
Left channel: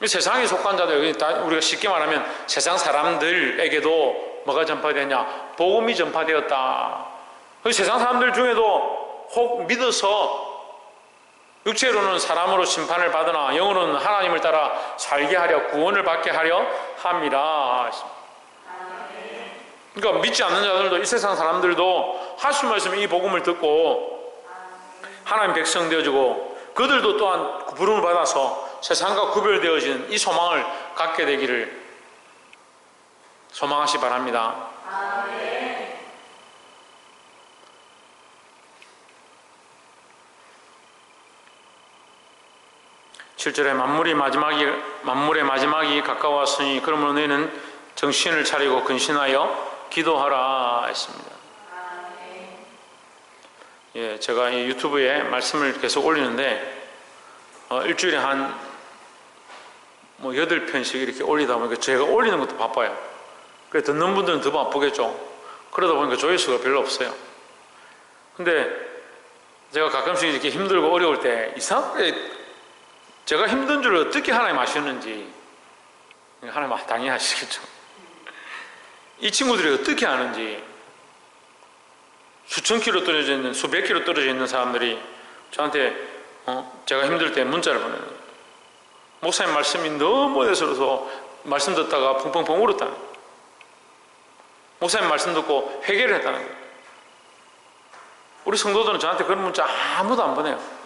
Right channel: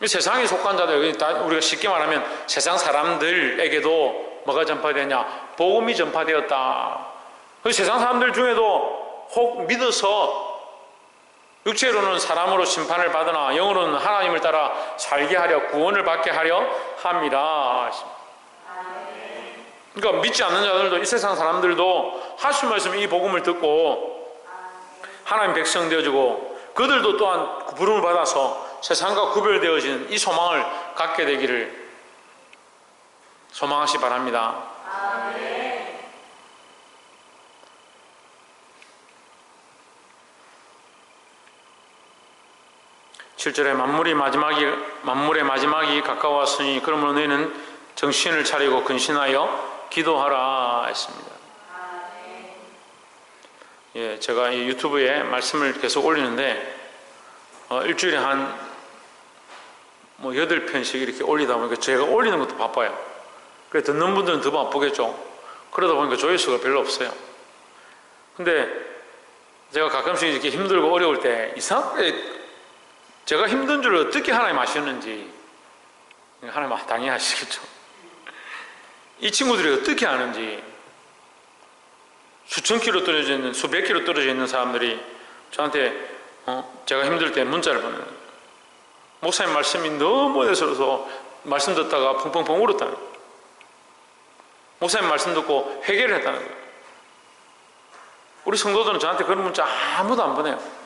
세상에 속한 자들, 우리가 쉽게 말하면 세상 사람들에게도 뭐가 전파되냐? 복음이 전파되었다. 세상 사람들 중에도 혹 믿어서 육체로는 사람으로 심판을 받으나 영으로는 하나님을 따라 살게 하려, 구원을 받게 하려 함이라. 그러니까 믿지 않는 자들도, 이 세상 사람들도 하신 말씀 이 복음을 듣고 하나님 백성 되어지고 그들도 또한 부름을 받아서 세상과 구별되어지는 이 소망을 갖게 되기를 소망하시 바랍니다. 아멘. 7절에 만물의 마지막이 가까웠으니 그러므로 너희는 정신을 차리고 근신하여 기도하라 했습니다. 예, 제가 이 유튜브에 말씀을 계속 올리는데 일주일에 한 8편씩 이렇게 올리다 보니까 제가 올리는 것도 바빠요. 그래 듣는 분들은 더 바쁘겠죠. 그러다 보니까 조회수가 별로 없어요. 근데 제가 가끔씩 이렇게 힘들고 어려울 때 이상하게 제가 힘든 줄 어떻게 하나님 아셨는지, 하나님 당연히 아시겠죠. 이 친구들이 어떻게 아는지, 수천 킬로 떨어져 있는, 수백 킬로 떨어져 있는 사람들이 저한테 제가 힘들 때 문자를 보내는 거예요. 목사님 말씀이 너무 대수로서 말씀 듣다가 펑펑펑 울었다는 거예요. 목사님 말씀 듣고 회개를 했다는 거예요. 우리 성도들은 저한테 그런 문자 아무도 안 보내요.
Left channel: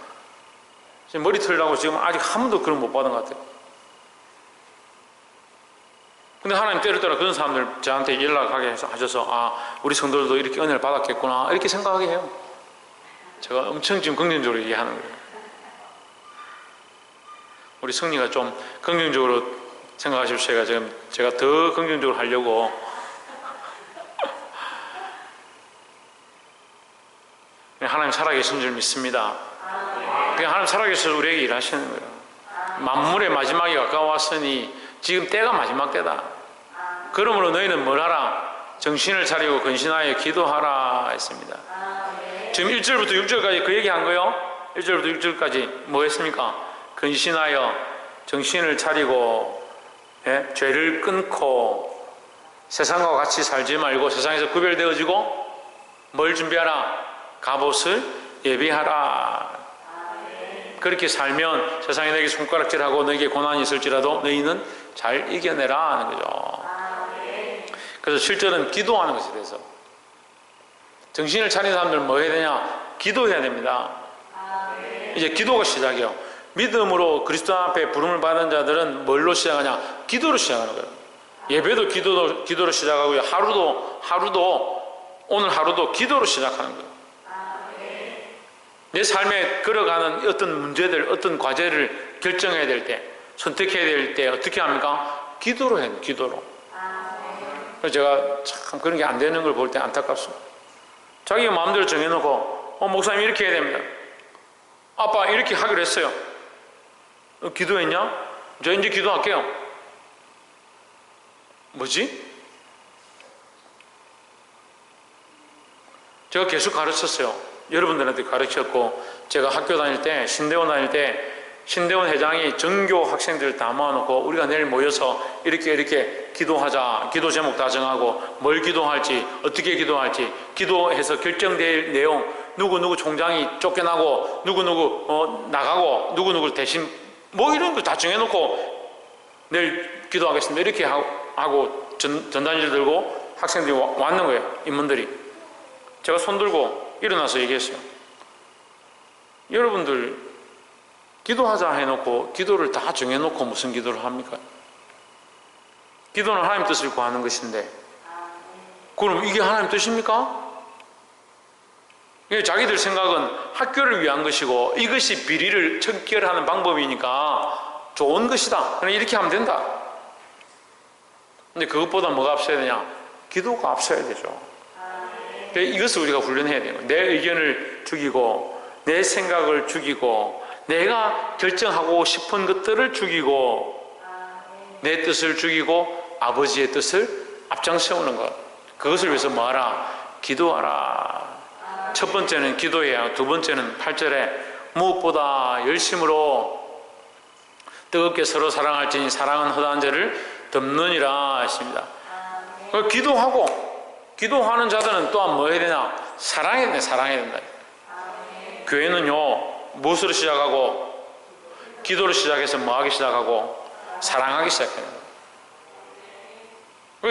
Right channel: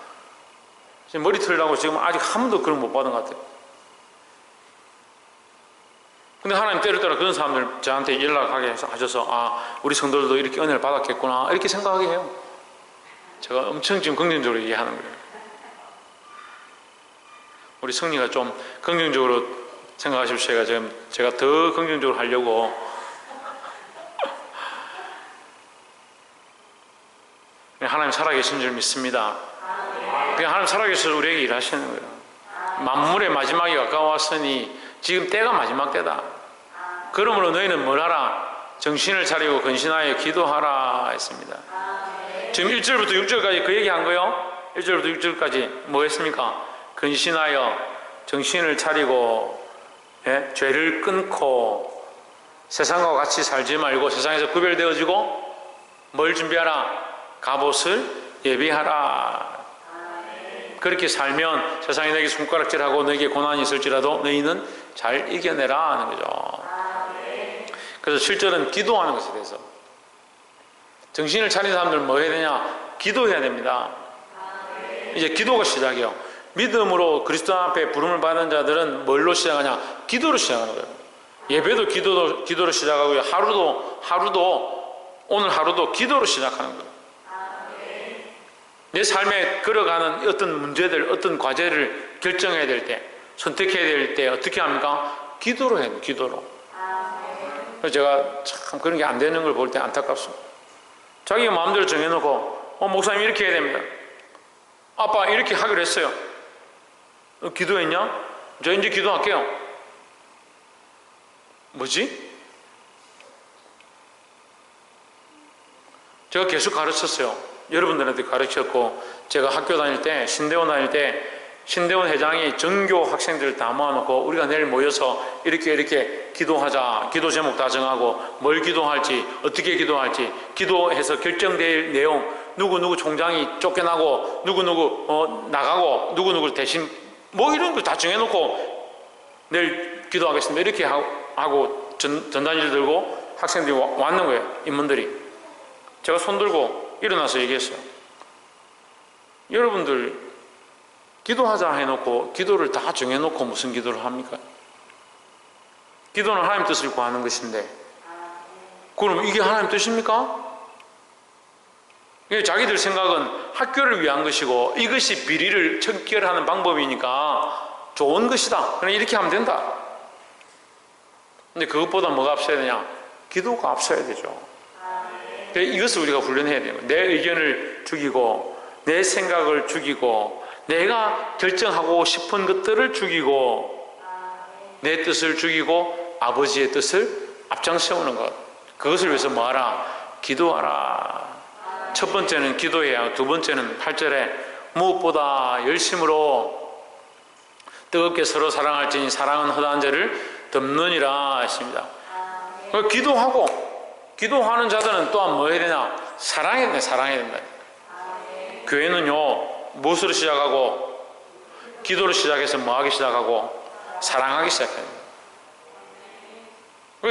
지금 머리 틀라고 지금 아직 한 번도 그런 못 받은 것 같아요. 근데 하나님 때를 따라 그런 사람들 저한테 연락하게 하셔서 우리 성도들도 이렇게 은혜를 받았겠구나 이렇게 생각하게 해요. 제가 엄청 지금 긍정적으로 얘기하는 거예요. 우리 승리가 좀 긍정적으로 생각하십시오. 제가 더 긍정적으로 하려고 하나님 살아계신 줄 믿습니다. 하나님 살아계셔서 우리에게 일하시는 거예요. 만물의 마지막이 가까웠으니 지금 때가 마지막 때다. 그러므로 너희는 뭘 하라? 정신을 차리고 근신하여 기도하라 했습니다. 지금 1절부터 6절까지 그 얘기한 거요. 1절부터 6절까지 뭐 했습니까? 근신하여 정신을 차리고 죄를 끊고 세상과 같이 살지 말고 세상에서 구별되어지고 뭘 준비하라? 갑옷을 예비하라. 그렇게 살면 세상에 너에게 손가락질하고 너에게 고난이 있을지라도 너희는 잘 이겨내라 하는 거죠. 그래서 7절은 기도하는 것에 대해서 정신을 차린 사람들은 뭐 해야 되냐? 기도해야 됩니다. 이제 기도가 시작이에요. 믿음으로 그리스도 앞에 부름을 받은 자들은 뭘로 시작하냐? 기도로 시작하는 거예요. 예배도 기도로 시작하고요. 오늘 하루도 기도로 시작하는 거예요. 내 삶에 걸어가는 어떤 문제들, 어떤 과제를 결정해야 될 때, 선택해야 될 때 어떻게 합니까? 기도로 해요. 기도로. 그래서 제가 참 그런 게 안 되는 걸 볼 때 안타깝습니다. 자기가 마음대로 정해놓고 목사님 이렇게 해야 됩니다. 아빠 이렇게 하기로 했어요. 기도했냐? 저 이제 기도할게요. 뭐지? 제가 계속 가르쳤어요. 여러분들한테 가르쳤고, 제가 학교 다닐 때, 신대원 다닐 때 신대원 회장이 전교 학생들 다 모아놓고 우리가 내일 모여서 이렇게 기도하자. 기도 제목 다 정하고 뭘 기도할지, 어떻게 기도할지, 기도해서 결정될 내용, 누구 총장이 쫓겨나고 누구 나가고 누구 대신 뭐 이런 거 다 정해놓고 내일 기도하겠습니다. 이렇게 하고 전단지를 들고 학생들이 왔는 거예요. 인문들이. 제가 손 들고 일어나서 얘기했어요. 여러분들 기도하자 해놓고 기도를 다 정해놓고 무슨 기도를 합니까? 기도는 하나님 뜻을 구하는 것인데 그럼 이게 하나님 뜻입니까? 자기들 생각은 학교를 위한 것이고 이것이 비리를 척결하는 방법이니까 좋은 것이다. 그냥 이렇게 하면 된다. 근데 그것보다 뭐가 앞서야 되냐? 기도가 앞서야 되죠. 이것을 우리가 훈련해야 돼요. 내 의견을 죽이고 내 생각을 죽이고 내가 결정하고 싶은 것들을 죽이고 내 뜻을 죽이고 아버지의 뜻을 앞장세우는 것. 그것을 위해서 뭐하라? 기도하라. 첫 번째는 기도해야, 두 번째는 8절에 무엇보다 열심으로 뜨겁게 서로 사랑할지니 사랑은 허다한 죄를 덮느니라 했습니다. 기도하는 자들은 또한 뭐 해야 되냐? 사랑해야 된다. 사랑해야 된다. 교회는요 무엇으로 시작하고 기도로 시작해서 뭐 하기 시작하고 사랑하기 시작해요.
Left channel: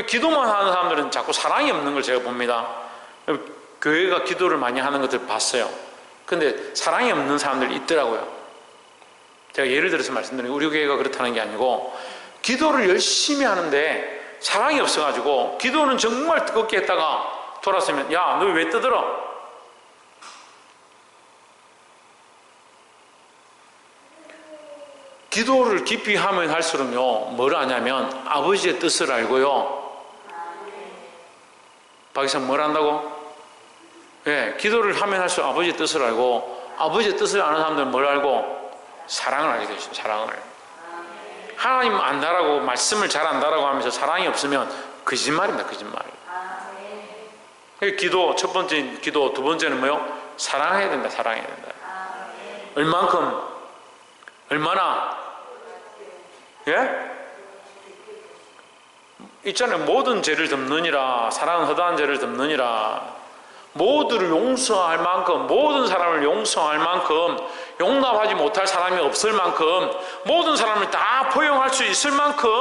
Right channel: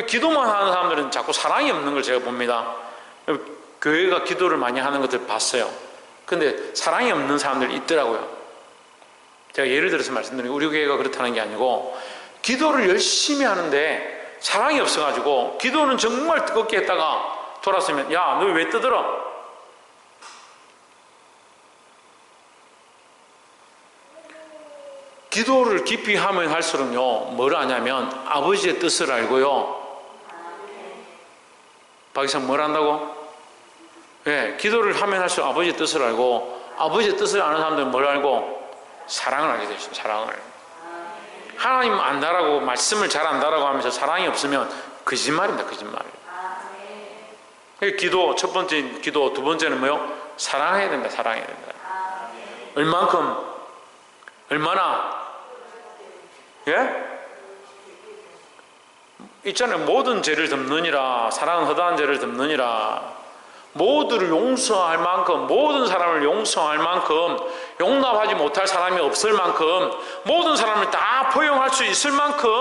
기도만 하는 사람들은 자꾸 사랑이 없는 걸 제가 봅니다. 교회가 기도를 많이 하는 것들 봤어요. 근데 사랑이 없는 사람들이 있더라고요. 제가 예를 들어서 말씀드리면 우리 교회가 그렇다는 게 아니고 기도를 열심히 하는데 사랑이 없어가지고 기도는 정말 뜨겁게 했다가 돌아서면 야, 너 왜 떠들어? 기도를 깊이 하면 할수록요 뭘 하냐면 아버지의 뜻을 알고요. 박이상 뭘 한다고? 예, 기도를 하면 할수록 아버지의 뜻을 알고 아버지의 뜻을 아는 사람들은 뭘 알고? 사랑을 알게 되죠. 사랑을. 하나님 안다라고 말씀을 잘 안다라고 하면서 사랑이 없으면 거짓말입니다. 거짓말. 기도 첫 번째 기도 두 번째는 뭐요? 사랑해야 된다. 사랑해야 된다. 얼만큼? 얼마나? 예? 있잖아요. 모든 죄를 덮느니라. 사랑은 허다한 죄를 덮느니라. 모두를 용서할 만큼, 모든 사람을 용서할 만큼, 용납하지 못할 사람이 없을 만큼, 모든 사람을 다 포용할 수 있을 만큼,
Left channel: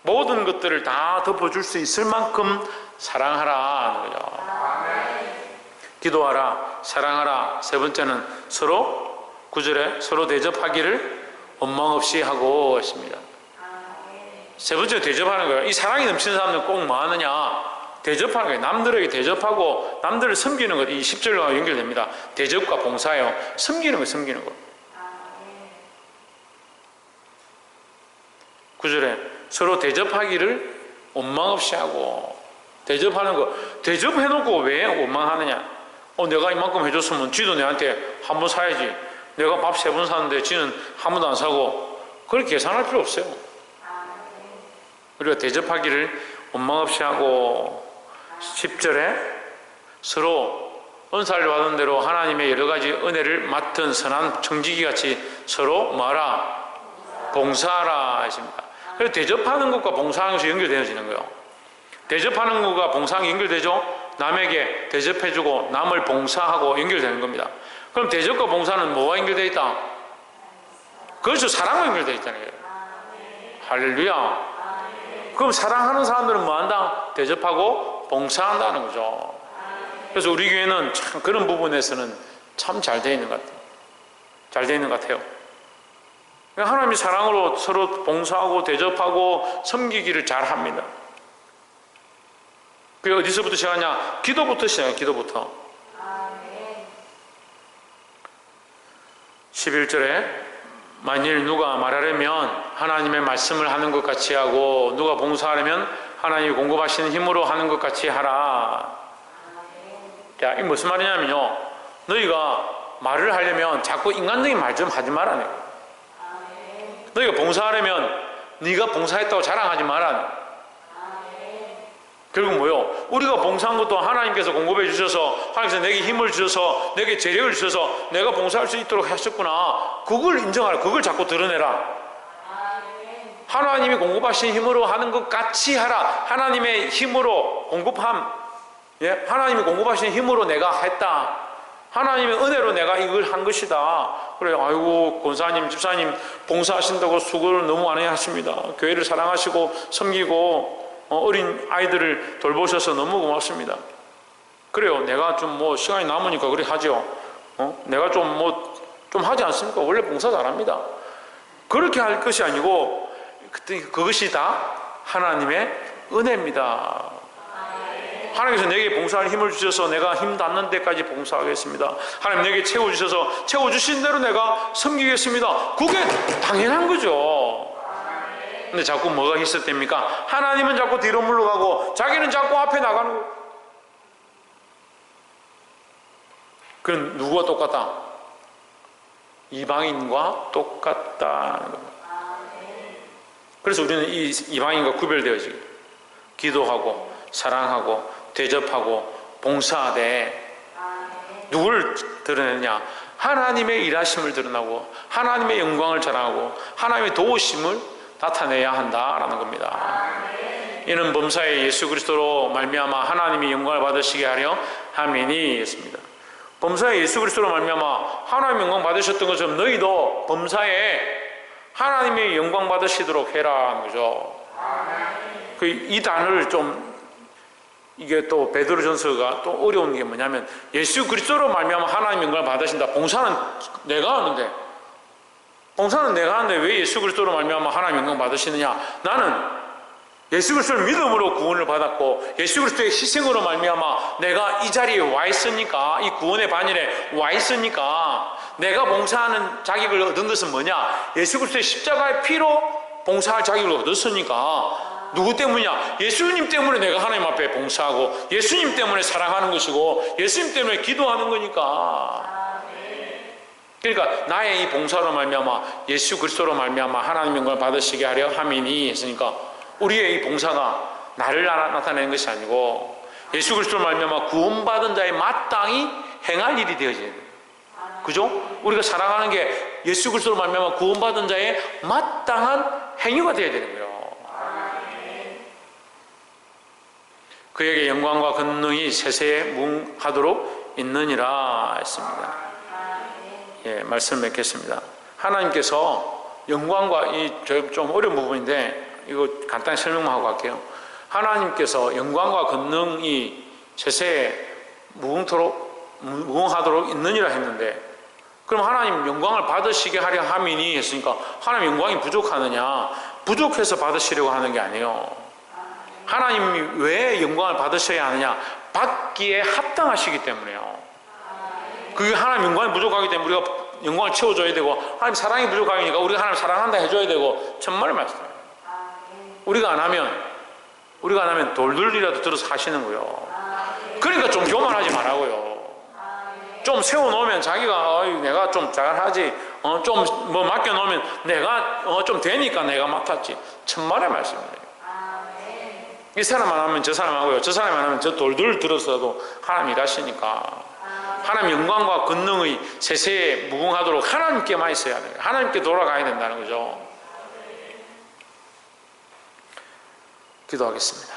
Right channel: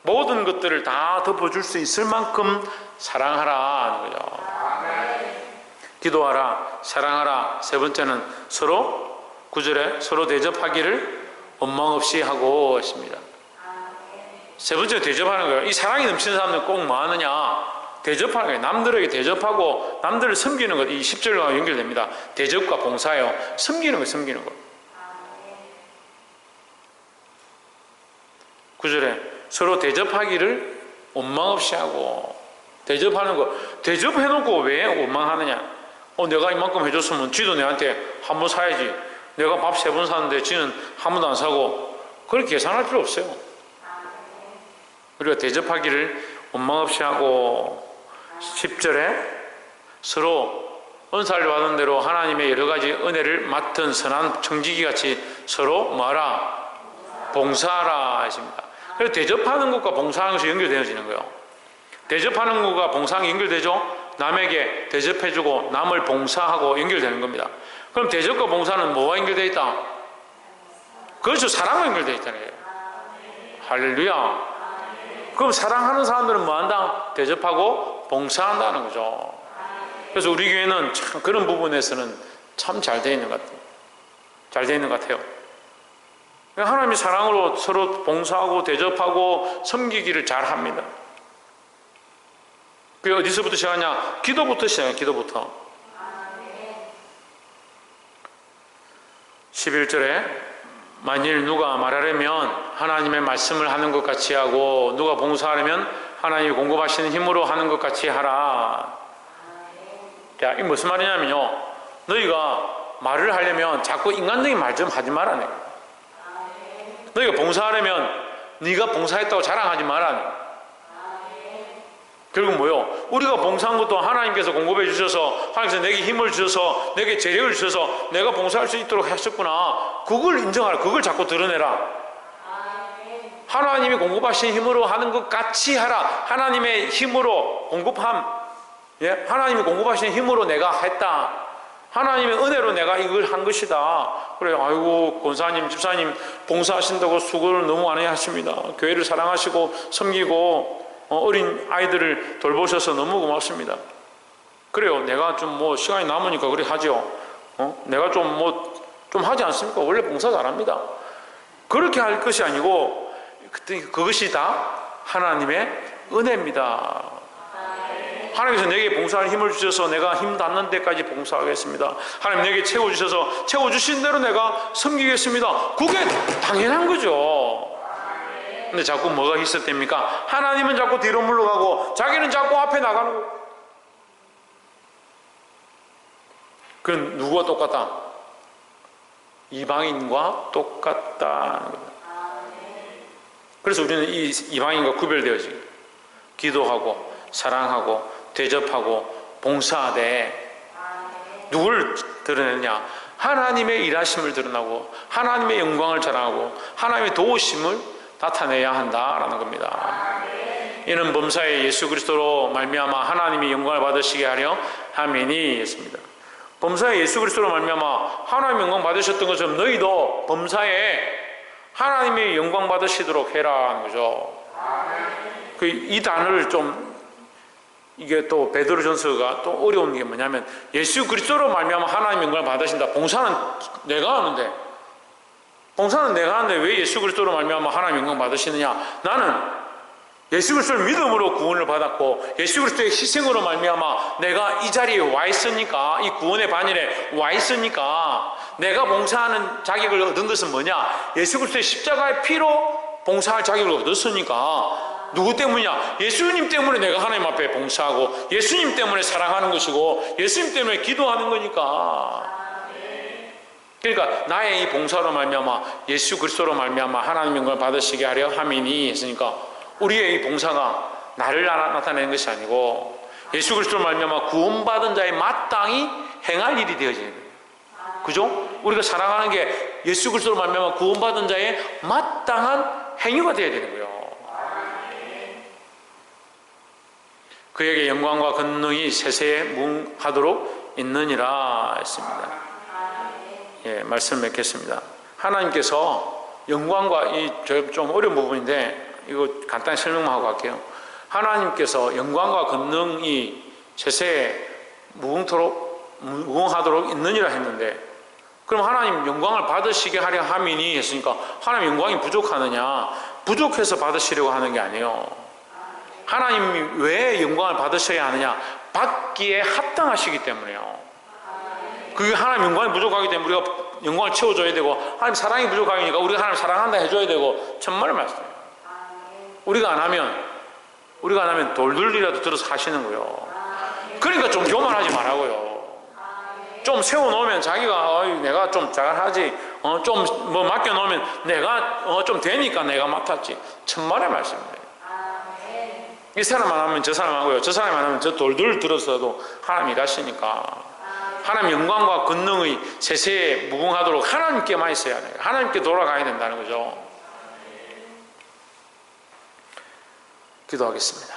모든 것들을 다 덮어줄 수 있을 만큼 사랑하라 하는 거죠. 기도하라, 사랑하라. 세 번째는 서로 9절에 서로 대접하기를 원망 없이 하고 있습니다. 세 번째는 대접하는 거예요. 이 사랑이 넘치는 사람들은 꼭 뭐 하느냐? 대접하는 거예요. 남들에게 대접하고 남들을 섬기는 것. 이 10절과 연결됩니다. 대접과 봉사예요. 섬기는 거예요. 섬기는 거. 9절에 서로 대접하기를 원망 없이 하고. 대접하는 거. 대접해놓고 왜 원망하느냐? 내가 이만큼 해줬으면 지도 내한테 한 번 사야지. 내가 밥 3번 사는데 지는 한 번도 안 사고. 그걸 계산할 필요 없어요. 우리가 대접하기를 원망 없이 하고. 10절에 서로 은사를 받은 대로 하나님의 여러 가지 은혜를 맡은 선한 청지기 같이 서로 뭐하라? 봉사하라 하십니다. 그래서 대접하는 것과 봉사하는 것이 연결되어지는 거예요. 대접하는 것과 봉사하는 게 연결되죠? 남에게 대접해주고 남을 봉사하고 연결되는 겁니다. 그럼 대접과 봉사는 뭐와 연결되어 있다? 그렇죠. 사랑과 연결되어 있잖아요. 할렐루야. 그럼 사랑하는 사람들은 뭐 한다? 대접하고 봉사한다는 거죠. 그래서 우리 교회는 참 그런 부분에서는 참 잘 되어 있는 것 같아요. 잘 되어 있는 것 같아요. 하나님이 사랑으로 서로 봉사하고 대접하고 섬기기를 잘 합니다. 그게 어디서부터 시작하냐? 기도부터 시작해요. 기도부터. 11절에 만일 누가 말하려면 하나님의 말씀을 하는 것 같이 하고 누가 봉사하려면 하나님이 공급하시는 힘으로 하는 것 같이 하라. 야, 이게 무슨 말이냐면요. 너희가 말을 하려면 자꾸 인간적인 말 좀 하지 말라네. 너희가 봉사하려면 네가 봉사했다고 자랑하지 말라네. 결국 뭐요? 우리가 봉사한 것도 하나님께서 공급해 주셔서 하나님께서 내게 힘을 주셔서 내게 재력을 주셔서 내가 봉사할 수 있도록 하셨구나. 그걸 인정하라. 그걸 자꾸 드러내라. 하나님이 공급하신 힘으로 하는 것 같이 하라. 하나님의 힘으로 공급함. 예? 하나님이 공급하신 힘으로 내가 했다. 하나님의 은혜로 내가 이걸 한 것이다. 그래, 아이고, 권사님, 집사님 봉사하신다고 수고를 너무 많이 하십니다. 교회를 사랑하시고 섬기고 어린 아이들을 돌보셔서 너무 고맙습니다. 그래요. 내가 좀 시간이 남으니까 그래 하죠. 내가 좀 하지 않습니까? 원래 봉사 잘합니다. 그렇게 할 것이 아니고 그것이 다 하나님의 은혜입니다. 하나님께서 내게 봉사할 힘을 주셔서 내가 힘 닿는 데까지 봉사하겠습니다. 하나님 내게 채워주셔서 채워주신 대로 내가 섬기겠습니다. 그게 당연한 거죠. 근데 자꾸 뭐가 있었답니까? 하나님은 자꾸 뒤로 물러가고 자기는 자꾸 앞에 나가는 거예요. 그건 누구와 똑같다? 이방인과 똑같다는 겁니다. 그래서 우리는 이 이방인과 구별되어지고 기도하고 사랑하고 대접하고 봉사하되 누구를 드러내느냐? 하나님의 일하심을 드러나고 하나님의 영광을 자랑하고 하나님의 도우심을 나타내야 한다라는 겁니다. 이는 범사에 예수 그리스도로 말미암아 하나님이 영광을 받으시게 하려 함이니 했습니다. 범사에 예수 그리스도로 말미암아 하나님 영광 받으셨던 것처럼 너희도 범사에 하나님의 영광 받으시도록 해라 하는 거죠. 이 단어를 좀 이게 또 베드로전서가 또 어려운 게 뭐냐면 예수 그리스도로 말미암아 하나님 영광을 받으신다. 봉사는 내가 하는데 봉사는 내가 하는데 왜 예수 그리스도로 말미암아 하나님 영광 받으시느냐? 나는 예수 그리스도를 믿음으로 구원을 받았고 예수 그리스도의 희생으로 말미암아 내가 이 자리에 와 있으니까, 이 구원의 반열에 와 있으니까, 내가 봉사하는 자격을 얻은 것은 뭐냐? 예수 그리스도의 십자가의 피로 봉사할 자격을 얻었으니까. 누구 때문이냐? 예수님 때문에 내가 하나님 앞에 봉사하고 예수님 때문에 사랑하는 것이고 예수님 때문에 기도하는 거니까. 그러니까 나의 이 봉사로 말미암아 예수 그리스도로 말미암아 하나님 영광을 받으시게 하려 함이니 했으니까, 우리의 이 봉사가 나를 나타내는 것이 아니고 예수 그리스도로 말미암아 구원받은 자의 마땅히 행할 일이 되어져야 돼요. 그죠? 우리가 사랑하는 게 예수 그리스도로 말미암아 구원받은 자의 마땅한 행위가 되어야 되는 거예요. 그에게 영광과 권능이 세세에 무궁하도록 있느니라 했습니다. 예, 말씀 맺겠습니다. 하나님께서 영광과, 이 좀 어려운 부분인데 이거 간단히 설명만 하고 갈게요. 하나님께서 영광과 권능이 세세에 무궁하도록 있느니라 했는데, 그럼 하나님 영광을 받으시게 하려 함이니 했으니까 하나님 영광이 부족하느냐? 부족해서 받으시려고 하는 게 아니에요. 하나님이 왜 영광을 받으셔야 하느냐? 받기에 합당하시기 때문에요. 그게 하나님 영광이 부족하기 때문에 우리가 영광을 채워줘야 되고, 하나님 사랑이 부족하니까 우리가 하나님 사랑한다 해줘야 되고, 천만의 말씀이에요. 우리가 안 하면 돌들이라도 들어서 하시는 거예요. 그러니까 좀 교만하지 말라고요. 좀 세워놓으면 자기가 내가 좀 잘하지, 좀 뭐 맡겨놓으면 내가 좀 되니까 내가 맡았지. 천만의 말씀이에요. 이 사람 안 하면 저 사람 하고요, 저 사람 안 하면 저 돌들 들어서도 하나님 일하시니까. 하나님 영광과 권능의 세세에 무궁하도록 하나님께만 있어야 돼요. 하나님께 돌아가야 된다는 거죠. 기도하겠습니다.